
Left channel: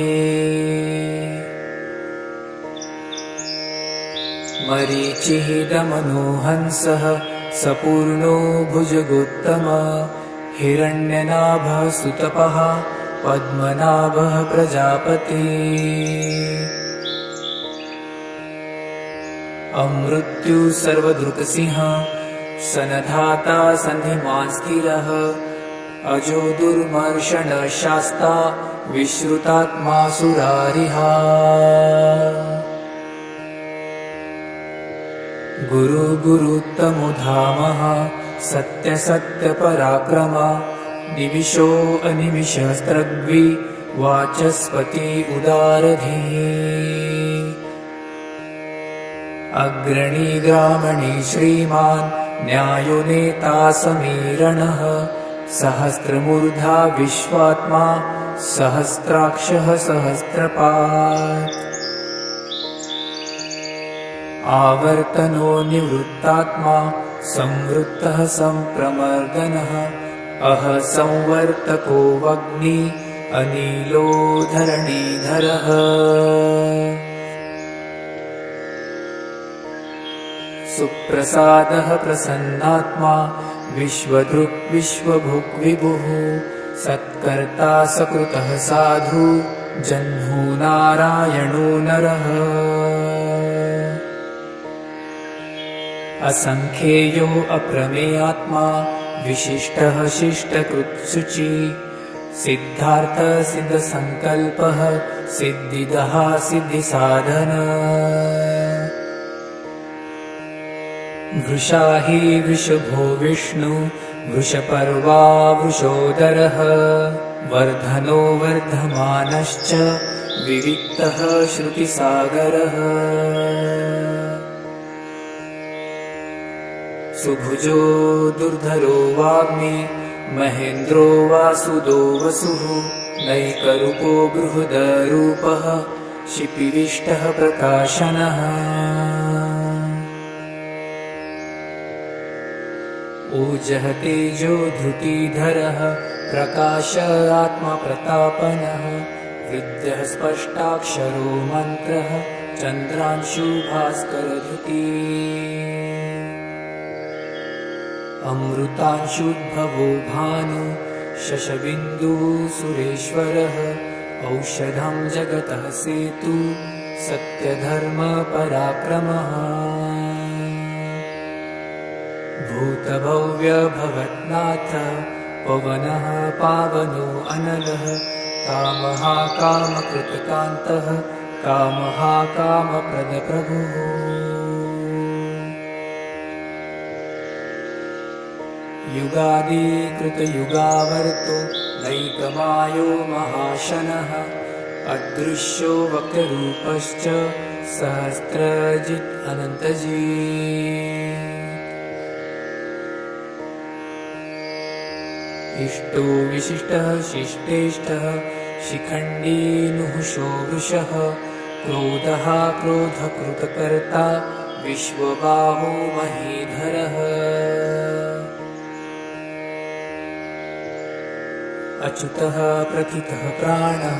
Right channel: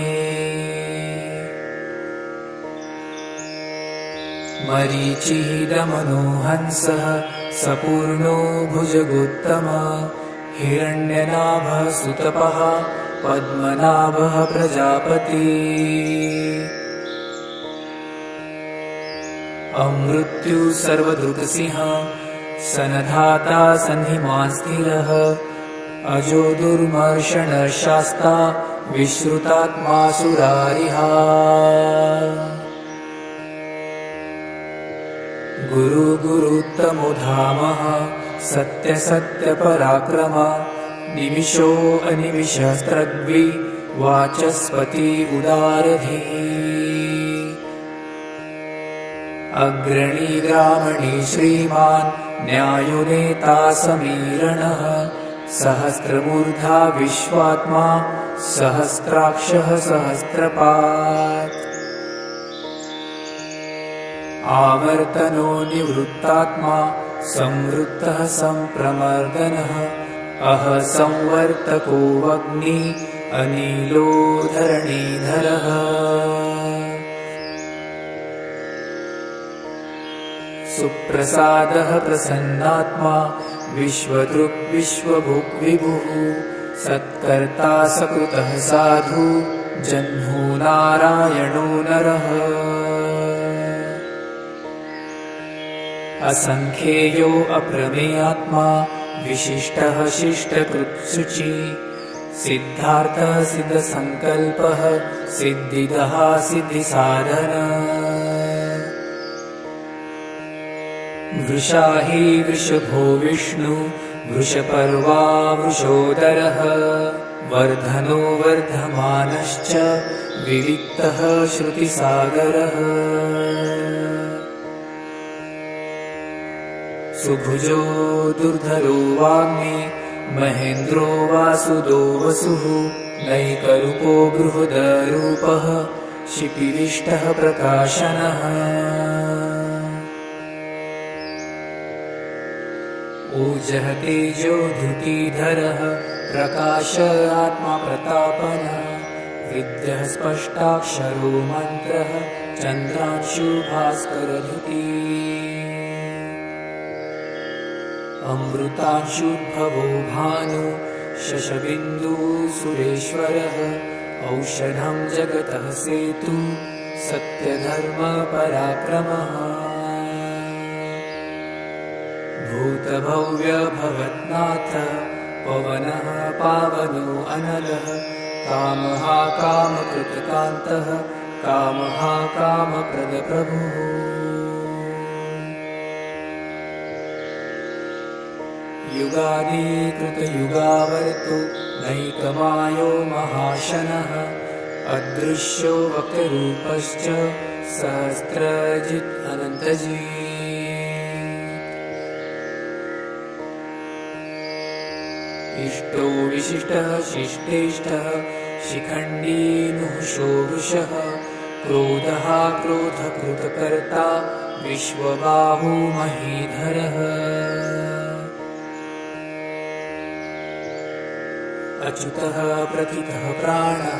मरीचिः दमनो हंसः सपूर्णो भुजगोत्तमा हिरण्यनाभः सुतपः पद्मनाभः प्रजापति अमृत्यु सर्वदृक्सिंह सनधाता सन्निमा स्थिरः अजो दुर्मर्षण शास्ता विश्रुतात्मा सुरारिहा गुरु गुरुत्तमो धामः सत्य सत्य पराक्रम निमिषो अनिमिषस्त्रग्वि वाचस्पति उदारधिः अग्रणी ग्रामणी श्रीमान् न्यायो नेता समीरणः सहस्रमूर्धा विश्वात्मा सहस्राक्षः सहस्रपात् आवर्तनो निवृत्तात्मा संवृत्तः संप्रमर्दनः अह संवर्तको वग्नि अनिलो धरणीधरः सुप्रसादः प्रसन्नात्मा विश्वदृक् विश्वभुक् विभुः सत्कर्ता सकृतः साधु जह्नु नारायणो नरः असंख्येयो अप्रमेयात्मा विशिष्टः शिष्टकृत्सुचि सिद्धार्थ सिद्धसंकल्पः सिद्धिदः सिद्धिसाधन वृषा हि वृषभो विष्णु वृषपर्वा वृषोदरः वर्धनो वर्धमानश्च विविक्तः श्रुतिसागरः सुभुजो दुर्धरो वाग्मी महेन्द्रो वासुदो वसुः नैकरूपो बृहदरूपः शिपिरिष्टः प्रकाशनः ऊर्जः तेजो धृतिधरः प्रकाश आत्मा प्रतापनः विद्यः स्पष्टाक्षरो मन्त्रः चन्द्रांशु भास्करधृती अमृतांशुद्भवो भानु शशबिन्दुः सुरेश्वरः औषधं जगतः सेतु सत्यधर्म पराक्रमः भूतभव्य भवन्नाथः पवनः पावनो अनलः कामः कामकृतकान्तः कामः कामप्रदप्रभुः युगादिकृतयुगावर्तो नैकमायो महाशनः अदृश्यो वक्तरूपश्च सहस्रजित् अनन्तजित् इष्टो विशिष्टः शिष्टेष्टः शिखण्डी नुहुषो वृषः क्रोधः क्रोधकृतकर्ता विश्वबाहु महीधरः अच्युतः प्रथितः प्राणः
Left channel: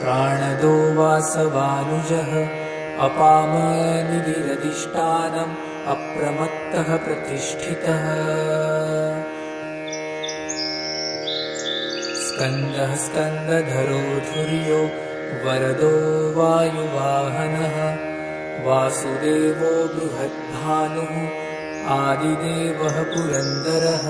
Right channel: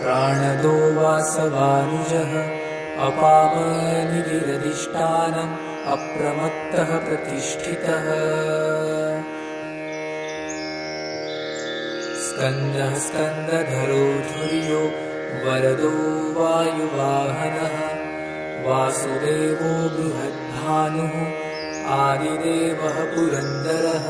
प्राणदो वासवानुजः अपामनिधिरधिष्ठानम् अप्रमत्तः प्रतिष्ठितः स्कन्दः स्कन्दधरो धुर्यो वरदो वायुवाहनः वासुदेवो बृहद्भानुः आदिदेवः पुरन्दरः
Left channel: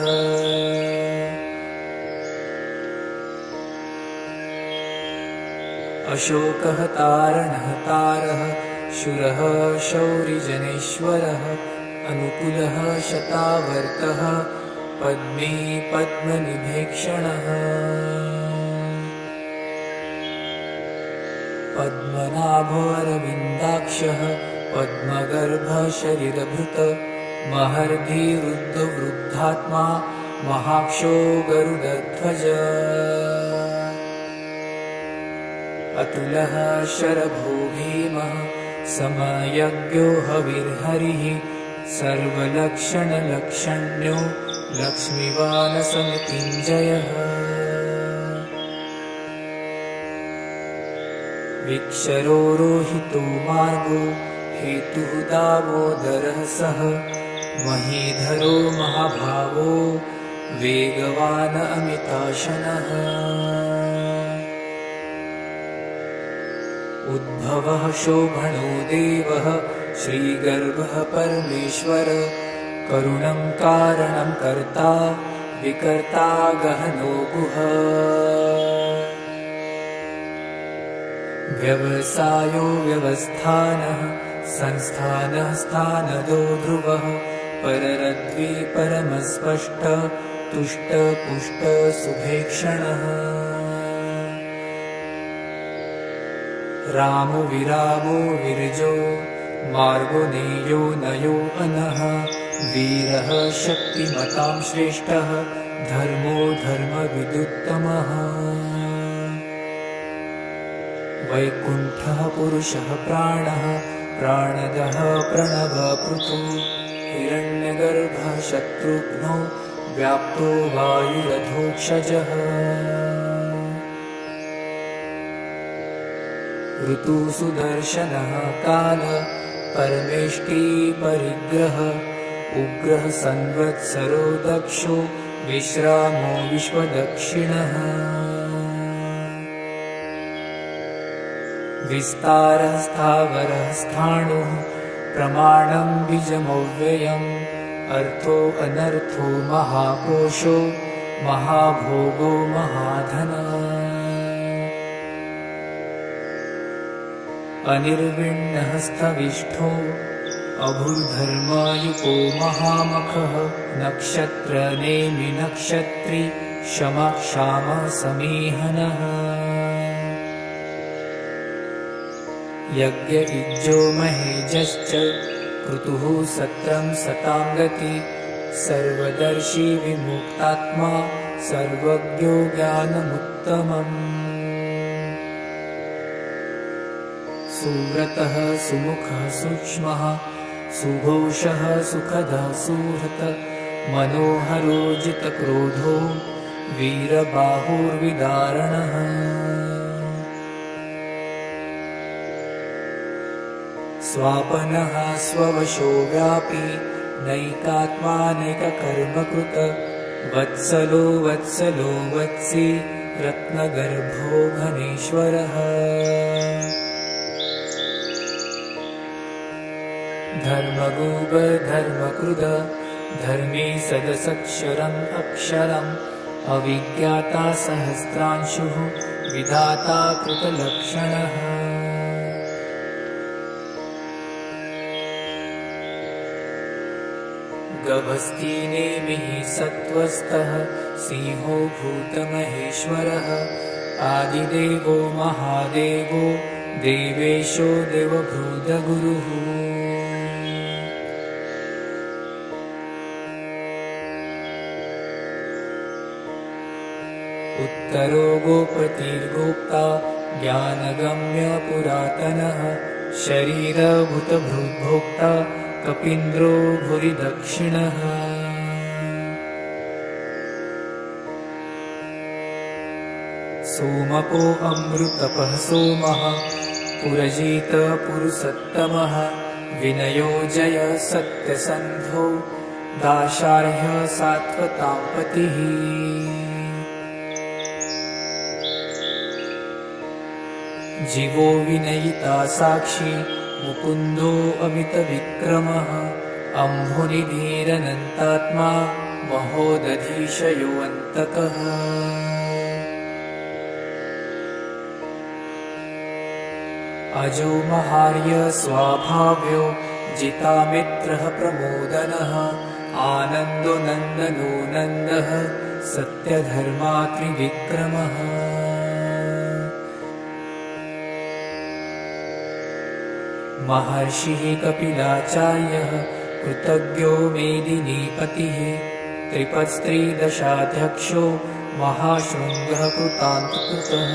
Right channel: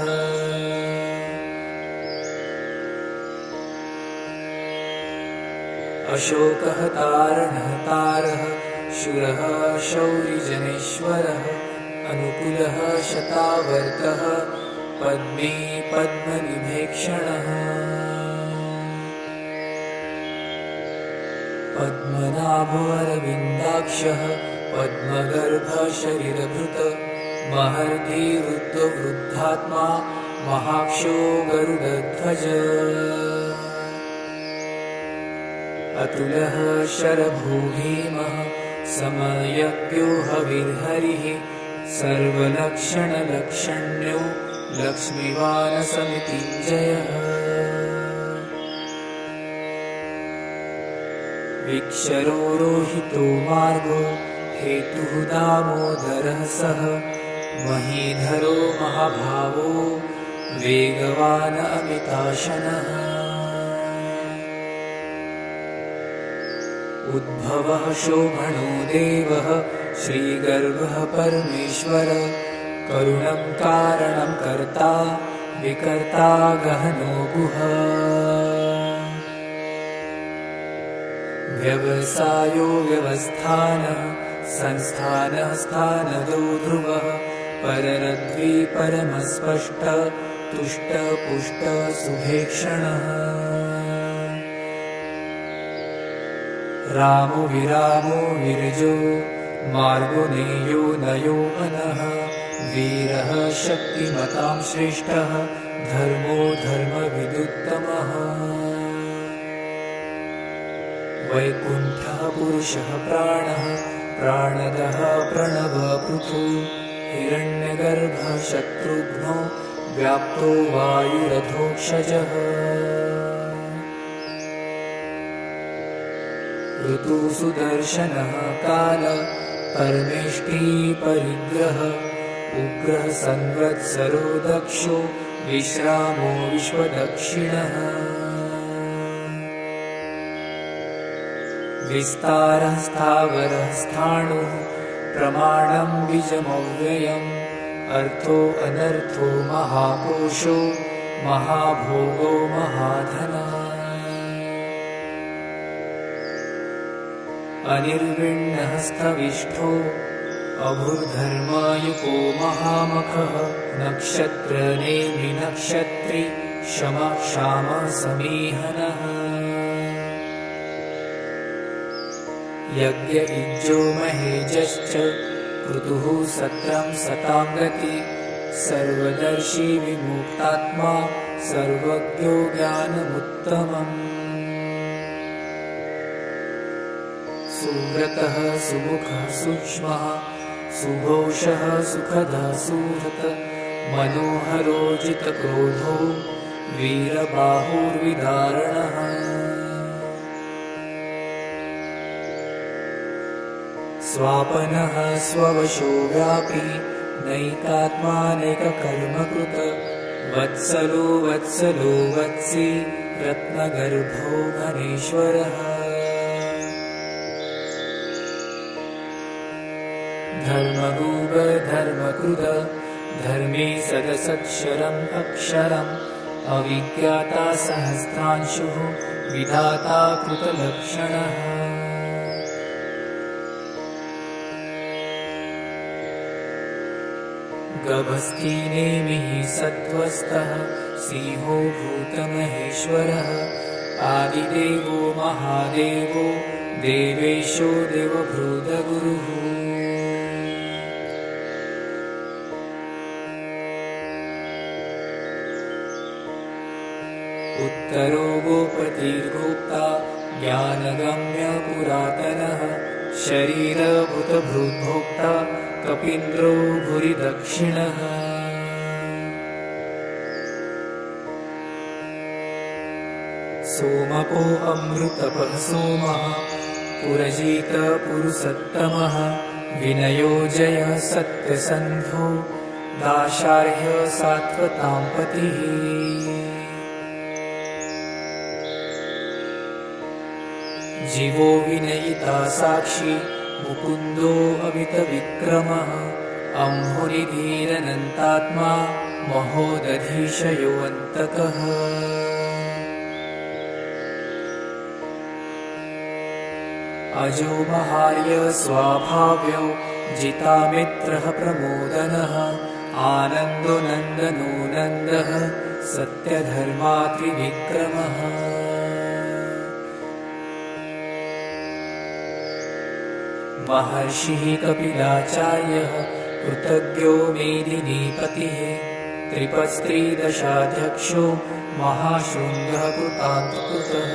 अशोकः तारणः तारः शूरः शौरिजनेश्वरः अनुकूलः शतावर्तः पद्मे पद्मनिभेक्षणः पद्मनाभोऽरविन्दाक्षः पद्मगर्भशरीरभृत महर्षि वृद्धवृद्धात्मा महाक्षो गरुडध्वज अतुलः शरभो भीमः समयज्ञो हविर्हरिः सर्वलक्षणलक्षण्यो लक्ष्मीवानसमृत्युञ्जयः विक्षरो रोहितो मार्गो हेतुः दामोदरः सः महीधरो महाभावो वेगवान् अमिताशनः उद्भवः शोभनो देवः श्रीगर्भः परमेश्वर करुणं कारणं कर्ता विकर्ता गहनो गुह व्यवसायो व्यवस्थानः संस्थानः स्थानदो ध्रुवः पररद्वी परमस्पष्ट तुष्ट पुष्ट सुभेक्षणः रामो विरामो विरजो मार्गो नेयो नयो अनः वीरः शक्तिमतां श्रेष्ठः धर्मो धर्मविदुत्तमः वैकुण्ठः पुरुषः प्राणः प्राणदः प्रणवपृथु हिरण्यगर्भः शत्रुघ्नो व्याप्तो वायुरधोक्षजः ऋतुसुदर्शनः काल परमेष्टि परिग्रह उग्रः संवत्सरो दक्षो विश्रामो विश्वदक्षिणः विस्तारः स्थावरः स्थाणुः प्रमाणं बीजमव्ययम् अर्थो अनर्थो महाकोशो महाभोगो महाधनः अनिर्विण्णः स्थविष्ठो अभूर्धर्मायुको महामखः नक्षत्रनेमि नक्षत्री शमः क्षामः समीहनः यज्ञ इज्जो महेजश्च क्रतुः सत्रं सतां गति सर्वदर्शी विमुक्तात्मा सर्वज्ञो ज्ञानमुत्तमम् सुव्रतः सुमुखः सूक्ष्मः सुघोषः सुखदः सुहृत् मनोहरो जितक्रोधो वीरबाहुर्विदारणः स्वापनः स्ववशो व्यापी नैकात्मानैककर्मकृत वत्सलो वत्सलो वत्सी रत्नगर्भो घनेश्वरः धर्मगोपधर्मकृत धर्मे सदसक्षरम् अक्षरम् अविज्ञाता सहस्रांशुः विधाता कृतलक्षणः गभस्ति नेमिः सत्त्वस्थः सिंहो भूतमहेश्वरः आदिदेवो महादेवो देवेशो देवभूतगुरुः उत्तरो गोपतिर्गोप्ता ज्ञानगम्य पुरातनः शरीरभूतभृद्भोक्ता कपीन्द्रो भुवि दक्षिणः सोमपो अमृतपः सोमः पुरजित पुरुषोत्तमः विनयो जय सत्यसन्धो दाशार्ह सात्वतां पतिः जीवो विनयिता साक्षी मुकुन्दो अमितविक्रमः अम्भुनिधिरनन्तात्मा महोदधीशयोऽन्तकः अजो महार्य स्वाभाव्यो जितामित्रः प्रमोदनः आनन्दो नन्दनो नन्दः सत्यधर्मा त्रिविक्रमः महर्षिः कपिलाचार्यः कृतज्ञो मेदिनीपतिः त्रिपस्त्रीदशाध्यक्षो महाशृङ्गः कृतान्तकृतः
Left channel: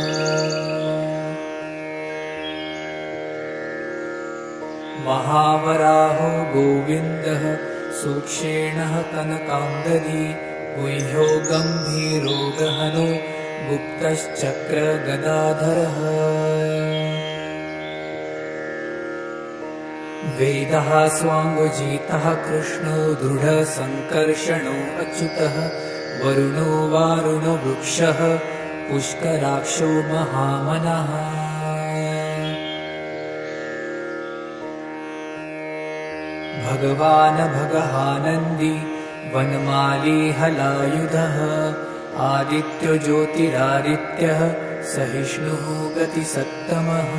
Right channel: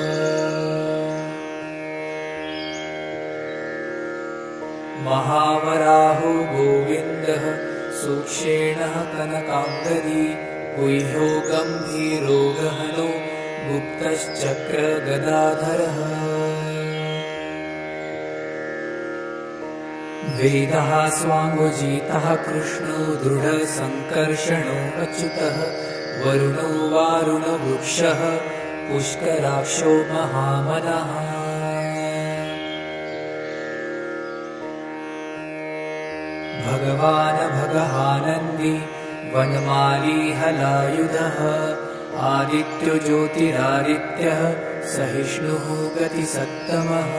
महावराहो गोविन्दः सूक्षेणः कनकाम्बरी गुह्यो गम्भीरो गहनो गुप्तश्चक्रगदाधरः वेदः स्वाङ्गजितः कृष्णो दृढसङ्कर्षणो अच्युतः वरुणो वारुणवृक्षः पुष्कराक्षो महामनः भगवान् भगहानन्दी वनमाली हलायुधः आदित्यो ज्योतिरादित्यः सहिष्णुः गतिसत्तमः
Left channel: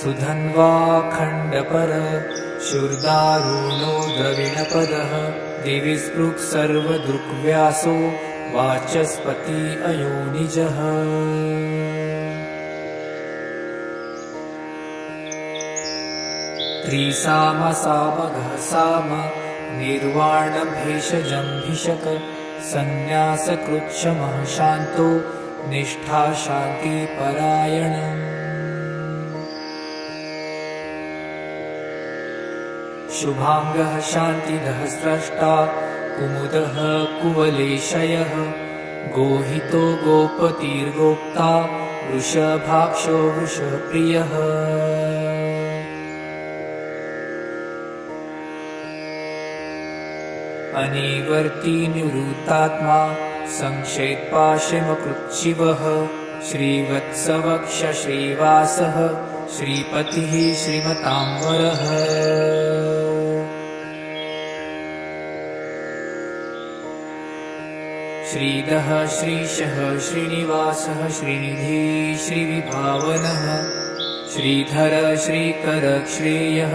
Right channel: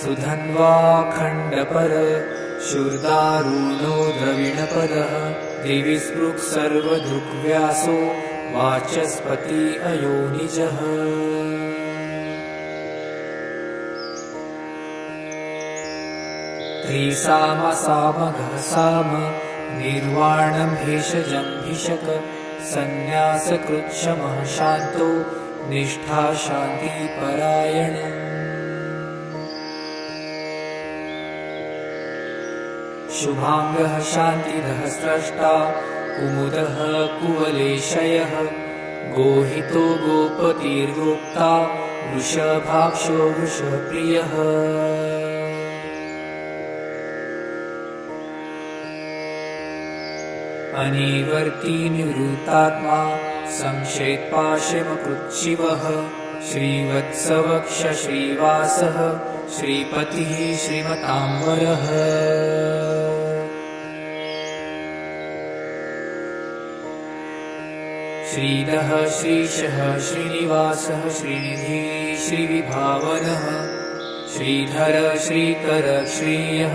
सुधन्वाखण्डपर शूर्दारुणो द्रविणपदः दिवि स्पृक् सर्वदृग्व्यासो वाचस्पति अयोनिजः त्रिसामसामघः साम निर्वाणं भेषजं भिषक सन्न्यासकृच्छमः शान्तो निष्ठा शान्ति परायण शुभांगः शान्तिदः स्रष्टा कुमुदः कुवलेशयः गोहितो गोपतिर्गोप्ता वृषभाक्षो वृषप्रियः अनिवर्ती निवृत्तात्मा संक्षेपाशमकृच्छिवः श्रीवत्सवक्ष श्रीवासः श्रीपतिः श्रीमताम्बरः श्रीदः श्रीशः श्रीनिवासः श्रीनिधिः श्रीविभावनः श्रीधर श्रीकर श्रेयः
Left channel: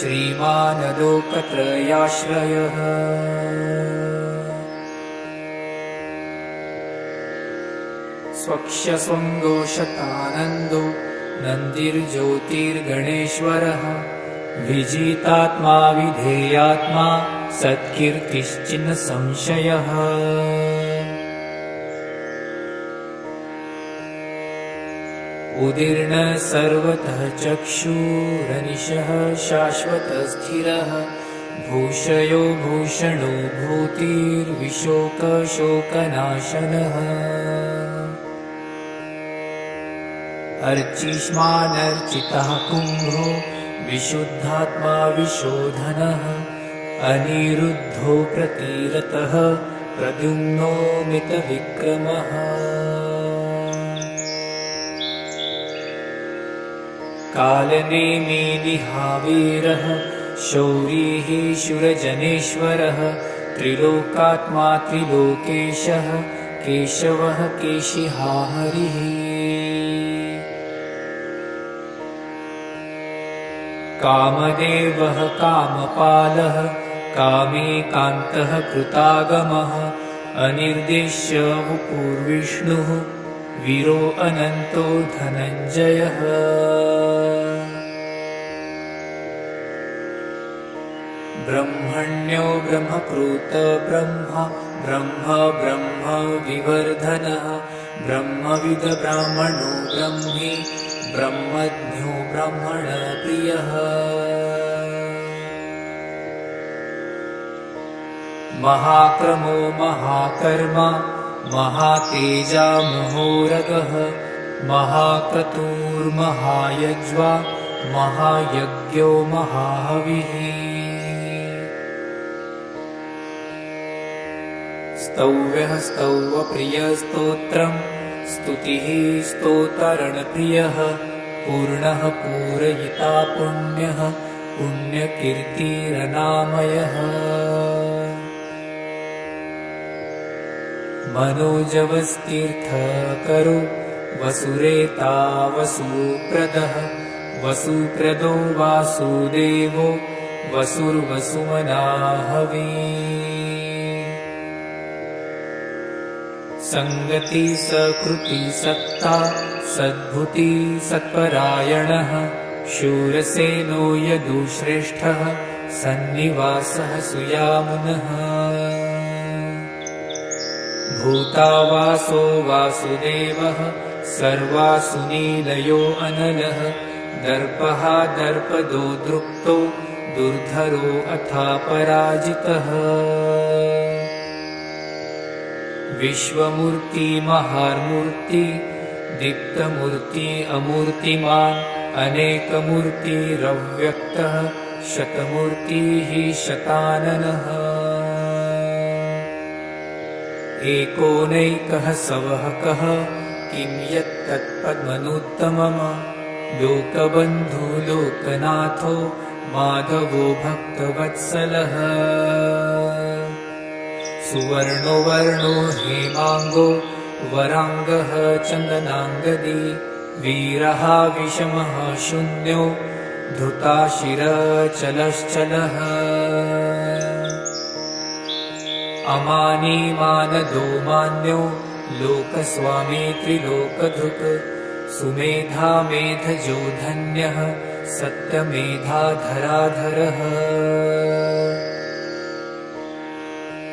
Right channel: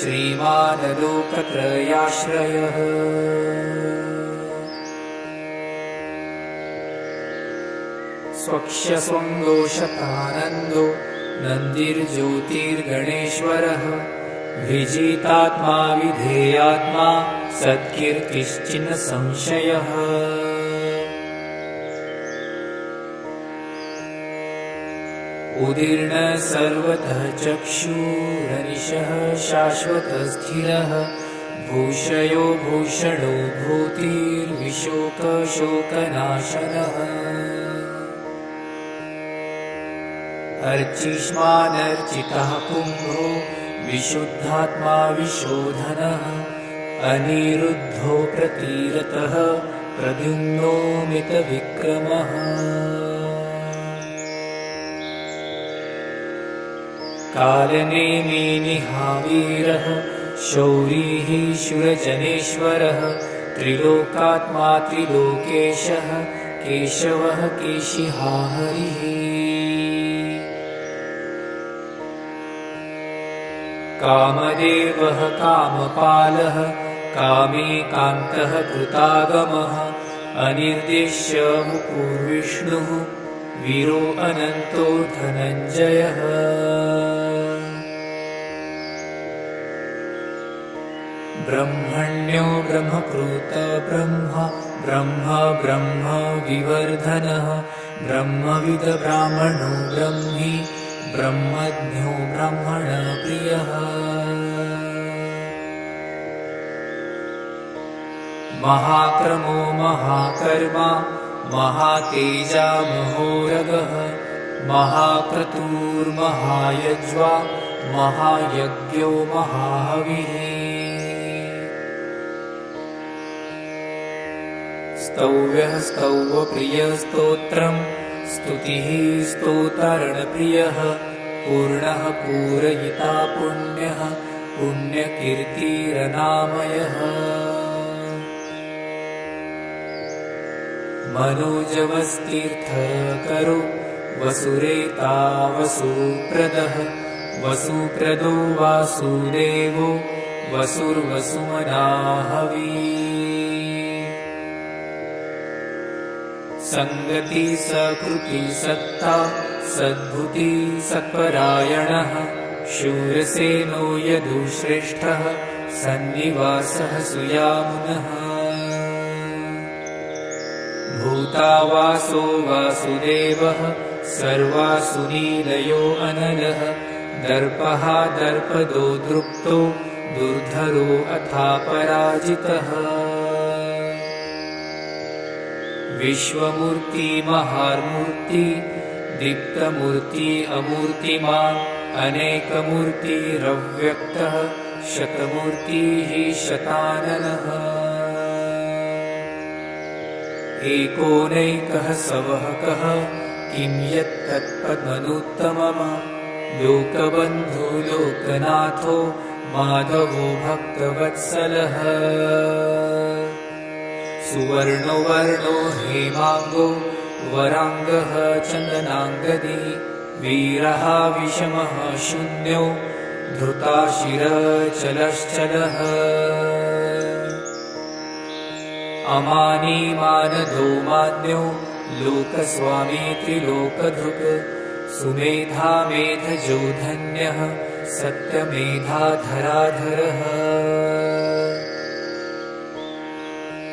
श्रीमानलोकत्रयाश्रयः स्वक्षस्वङ्गो शतानन्दो नन्दिर्ज्योतिर्गणेश्वरः विजितात्मा विधेयात्मा सत्कीर्तिश्चिन् संशयः उदीर्ण सर्वतः चक्षुरनिशः शाश्वतस्थिरः भूषयो भूषणो भूतिर्विशोकशोकनाशनः अर्चिष्मानर्चितः कुम्भो विशुद्धात्मा विशोधनः अनिरुद्धो प्रतिरतः प्रद्युम्नो मितविक्रमः कालनेमिनिहावीरः शौरिः शूरजनेश्वरः त्रिलोकात्मा त्रिलोकेशः केशवः केशिहा हरिः कामदेवः कामपालः कामेकान्तः कृतागमः अनिर्देश्य वपुर्विष्णुः वीरो अनन्तो धनञ्जयः ब्रह्मण्यो ब्रह्मकृत ब्रह्म ब्रह्म ब्रह्म विवर्धनः ब्रह्मविद ब्राह्मणो ब्रह्मी ब्रह्मज्ञो ब्रह्मण प्रियः महाक्रमो महाकर्मा महातेजा महोरगः महाक्रतुर्महायज्वा महायज्ञो महाहविः स्तौव्यः स्तौवप्रियस्तोत्रम् स्तुतिः स्तोतरणप्रियः पूर्णः पूरयिता पुण्यः पुण्यकीर्तिरनामयः मनोजवस्तीर्थकरो वसुरेता वसुप्रदः वसुप्रदो वासुदेवो वसुर्वसुमनाहवी संगति सकृति सत्ता सद्भुति सत्परायणः शूरसेनो यदुश्रेष्ठः सन्निवासः सुयामुनः भूतावासो वासुदेवः सर्वासुनीलयो अनलः दर्पः दर्पदो दृप्तो दुर्धरो अथा पराजितः विश्वमूर्ति महामूर्ति दीप्तमूर्ति अमूर्तिमान् अनेकमूर्तिरव्यक्तः शतमूर्तिः शताननः एकोनैकः सवहकः किं यत्तत्पद्मनुत्तमम् लोकबन्धो लोकनाथो माधवो भक्तवत्सलः सुवर्णो वर्णो हेमाङ्गो वराङ्गः चन्दनाङ्गदी वीरः विषमः शून्यो धृताशिरचलश्चलः अमानी मानदो मान्यो लोकस्वामी त्रिलोकधृक् सुमेधा मेधजो धन्यः सत्यमेधाधराधरः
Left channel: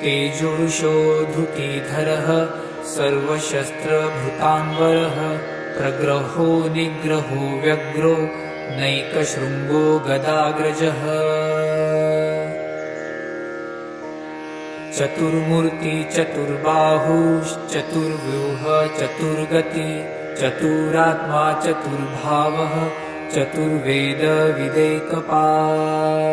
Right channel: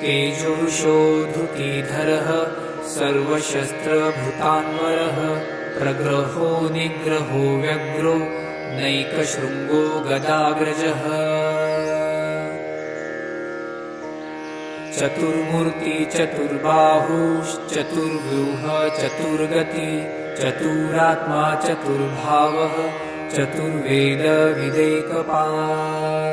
तेजोषो धृतिधरः सर्वशस्त्रभृतान्वरः प्रग्रहो निग्रहो व्यग्रो नैकशृङ्गो गदाग्रजः चतुर्मूर्ति चतुर्बाहुश्चतुर्व्यूह चतुर्गति चतुरात्मा चतुर्भावः चतुर्वेद विदेकपात्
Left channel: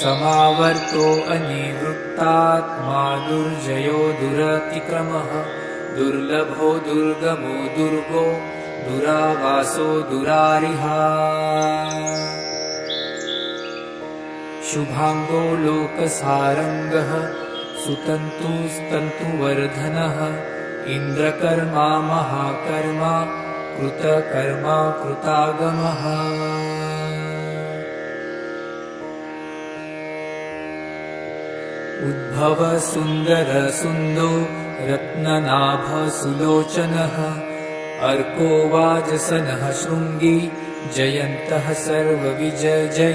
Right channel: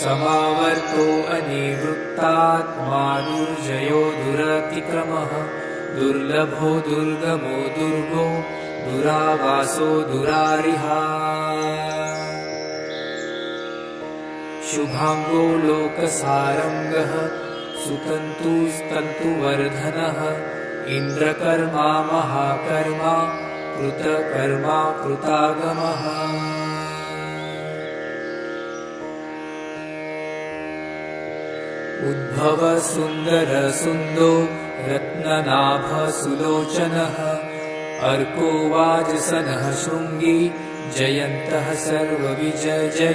समावर्तो अनिवृत्तात्मा दुर्जयो दुरतिक्रमः दुर्लभो दुर्गमो दुर्गो दुरावासो दुरारिहा शुभांगो लोकसारंगः सुतन्तुस्तन्तुवर्धनः इन्द्रकर्मा महाकर्मा कृतकर्मा कृतागमः उद्भव सुन्दर सुन्दो रत्ननाभ सुलोचनः अर्को वाजसनः शृङ्गी जयन्तः सर्वविजयी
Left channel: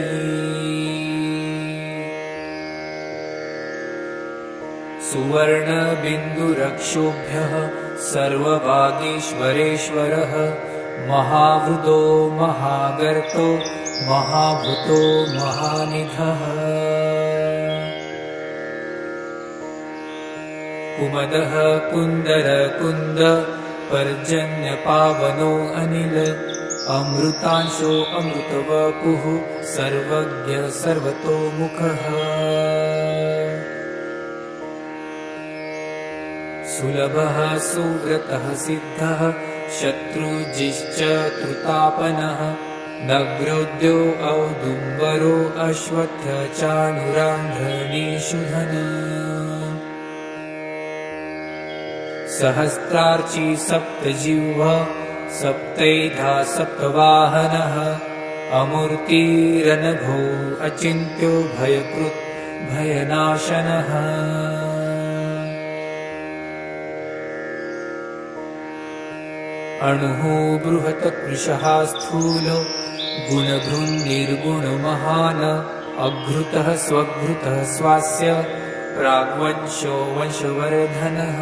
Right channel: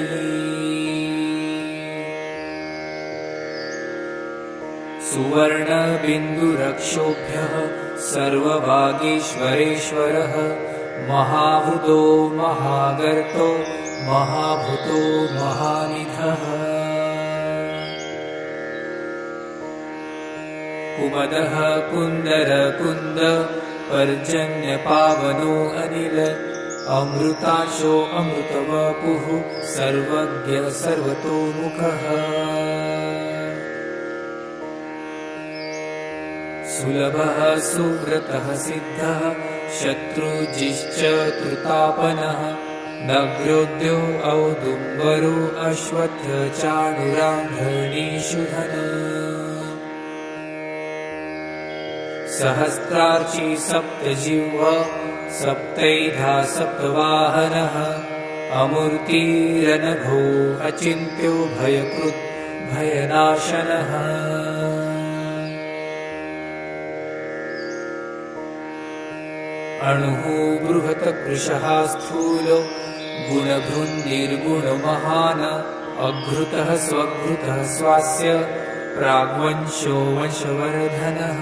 सुवर्णबिन्दुरक्षोभ्यः सर्वभागीश्वरेश्वरः महाभूतो महागर्तो महाभूतो महानिधः कुमदः कुन्दर कुन्द पर्जन्यपावनो अनिल अमृतांशो अमृतवपुः सर्वज्ञ सर्वतोमुखः सुलभः सुव्रतः सिद्धः शत्रुजिश्च त्रुतापनः नग्रोद्यो औदुम्बरो अश्वत्थ चाणुरान्धनीषुधन सहस्रार्ची सप्तजिह्वा सप्तैधा सप्तवाहनः अमूर्तिरनघो अचिन्त्यो भयकृत् भयनाशनः अणुः बृहत् कृशः स्थूल गुणभृन्निर्गुणमहान् अघृतः स्वघृतः स्वास्य प्राग्वंशो वंशवर्धनः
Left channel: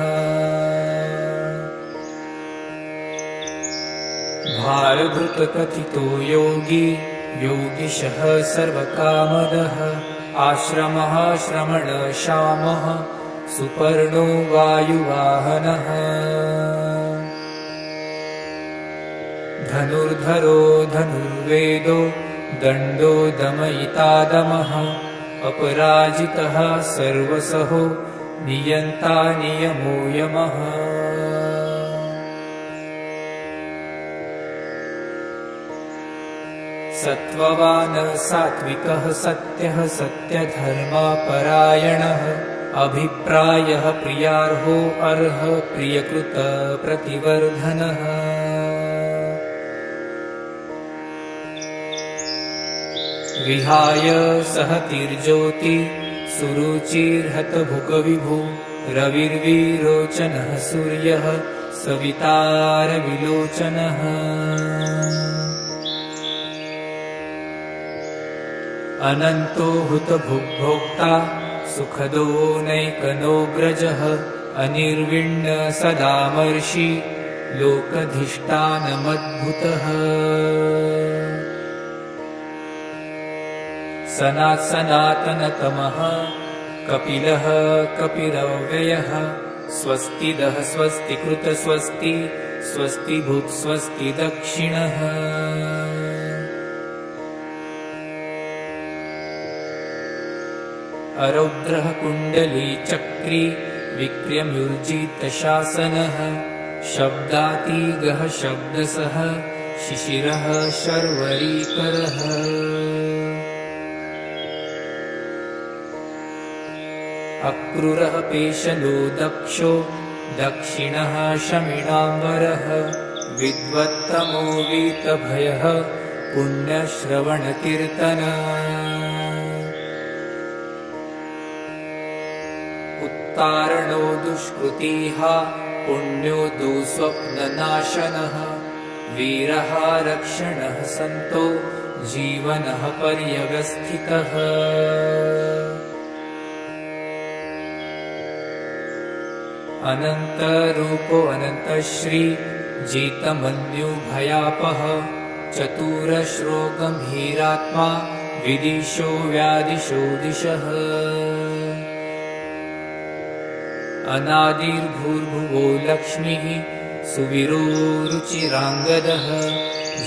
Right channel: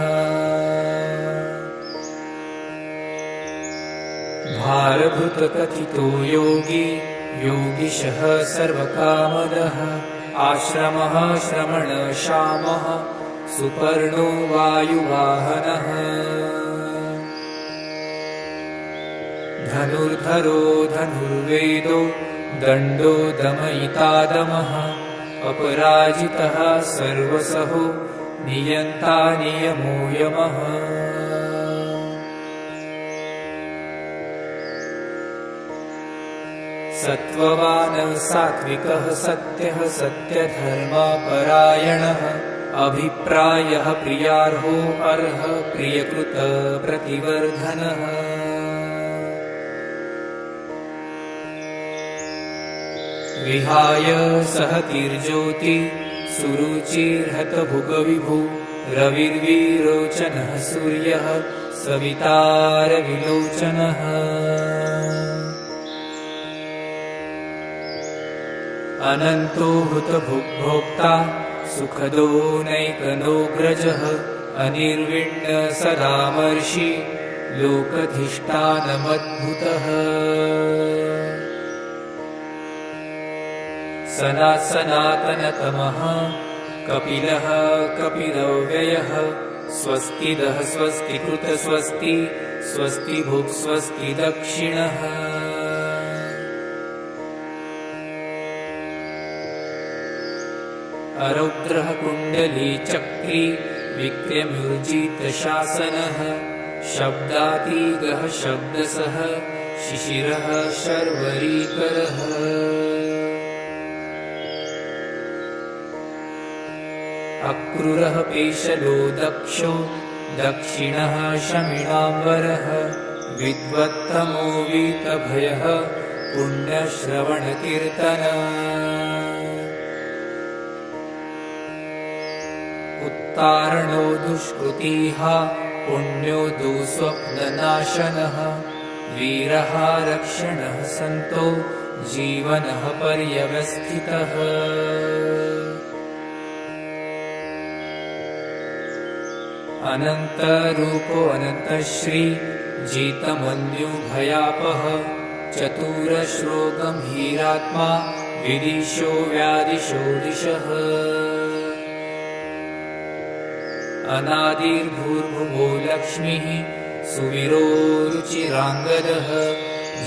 भारभृतकथितो योगी योगिशः सर्वकामदः आश्रमः श्रमणशामः सुपर्णो वायुवाहनः धनुर्धरो धनुर्वेदो दण्डो दमयितादमः अपराजितः सर्वसहो नियन्ता नियमो यमः सत्त्ववान् सात्विकः सत्यः सत्यधर्मपरायणः अभिप्रायः प्रियार्हो अर्ह प्रियकृत प्रतिवर्धनः विहाय सहतिर्ज्योति सुरुचिर्हतभुगविभो रविर्विरोचनः सूर्यः सवितारविलोचनः अनन्तो हुतभुग्भोक्ता सुखदो नैकनोऽग्रजः अनिर्विण्ण सदामर्षि लोकधिष्ठानमद्भुतः सनातनतमः कपिलः कपिलव्ययः स्वस्तिदः स्वस्तिकृत स्वस्ति स्वस्तिभुक् स्वस्ति दक्षिणः अरौद्रः कुण्डली चक्री विक्रम्युर्जितशासनः शब्दातीगः शब्दसः शिशिरः शर्वरीकरः अक्रूरः पेशलो दक्षो दक्षिणः शमिणाम्बरः विद्वत्तमो वीतभयः पुण्यश्रवणकीर्तन उत्तारणो दुष्कृतिः पुण्यो दुःस्वप्ननाशनः वीरः रक्षणः सन्तो जीवनः पर्यवस्थितः अनन्तरूपो अनन्तश्री जितमन्युभयापः चतुरश्रो गम्भीरात्मा विदिशो व्यादिशो दिशः अनादिर्भूर्भुवो लक्ष्मीः सुवीरो रुचिराङ्गदः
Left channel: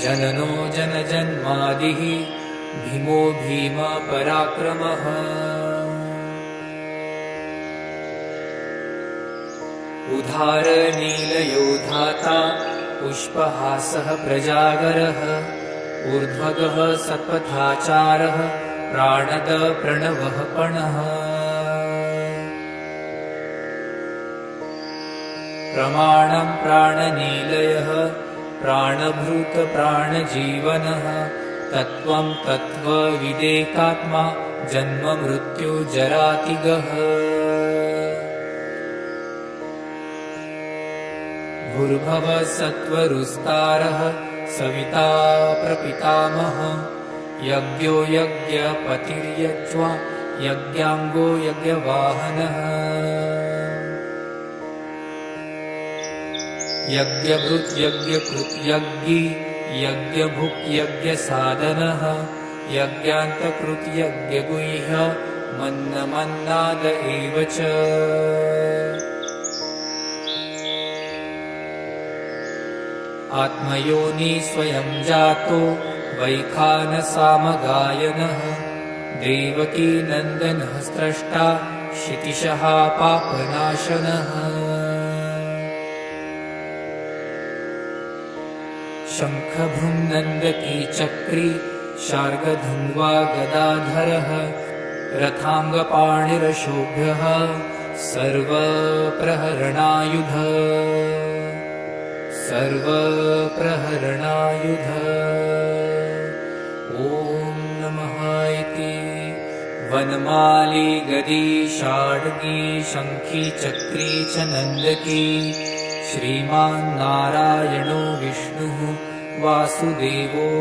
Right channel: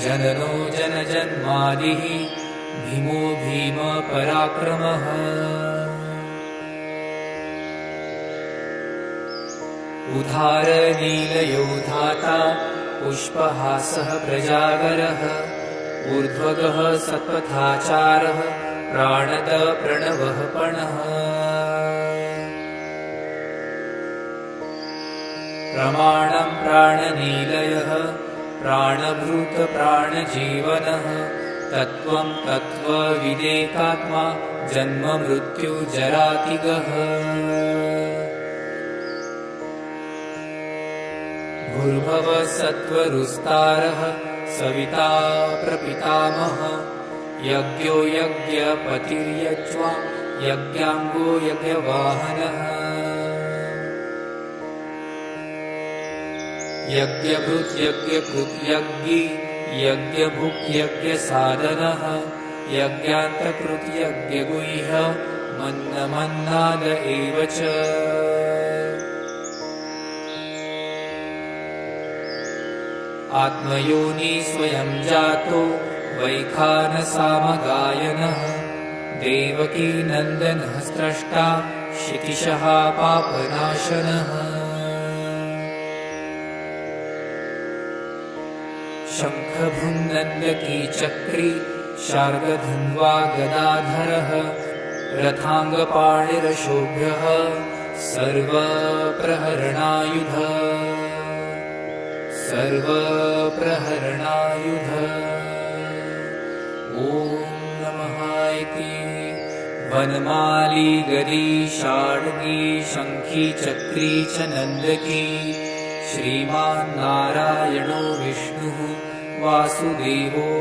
जननो जनजन्मादिः भीमो भीमपराक्रमः उदारनीलयो धाता पुष्पहासः प्रजागरः ऊर्ध्वगः सपथाचारः प्राणद प्रणवः पणः प्रमाणं प्राणनीलयः प्राणभृत प्राणजीवनः तत्त्वं तत्त्वविदेकात्मा जन्म मृत्युजरातिगः भूर्भुवः सत्त्वरुस्तारः सविता प्रपितामहः यज्ञो यज्ञपतिर्यज्वा यज्ञाङ्गो यज्ञवाहनः यज्ञभृत् यज्ञकृत् यज्ञी यज्ञभुक् यज्ञसाधनः यज्ञान्तकृत् यज्ञगुह्य मन्नमन्नाद एव च आत्मयोनि स्वयं जातो वैखानसामगायनः देवकी नन्दनः स्रष्टा क्षितिशः पापनाशनः शङ्खभृङ्नन्दती चक्री शार्ङ्गधन्वा गदाधरः रथाङ्गपाणिरशोभ्यः सर्वप्रहरणायुध ॐ नमः इति वनमाली गदी शार्ङ्गी शङ्खी चक्री च नन्दकी श्रीमान् नारायणो विष्णुः वासुदेवो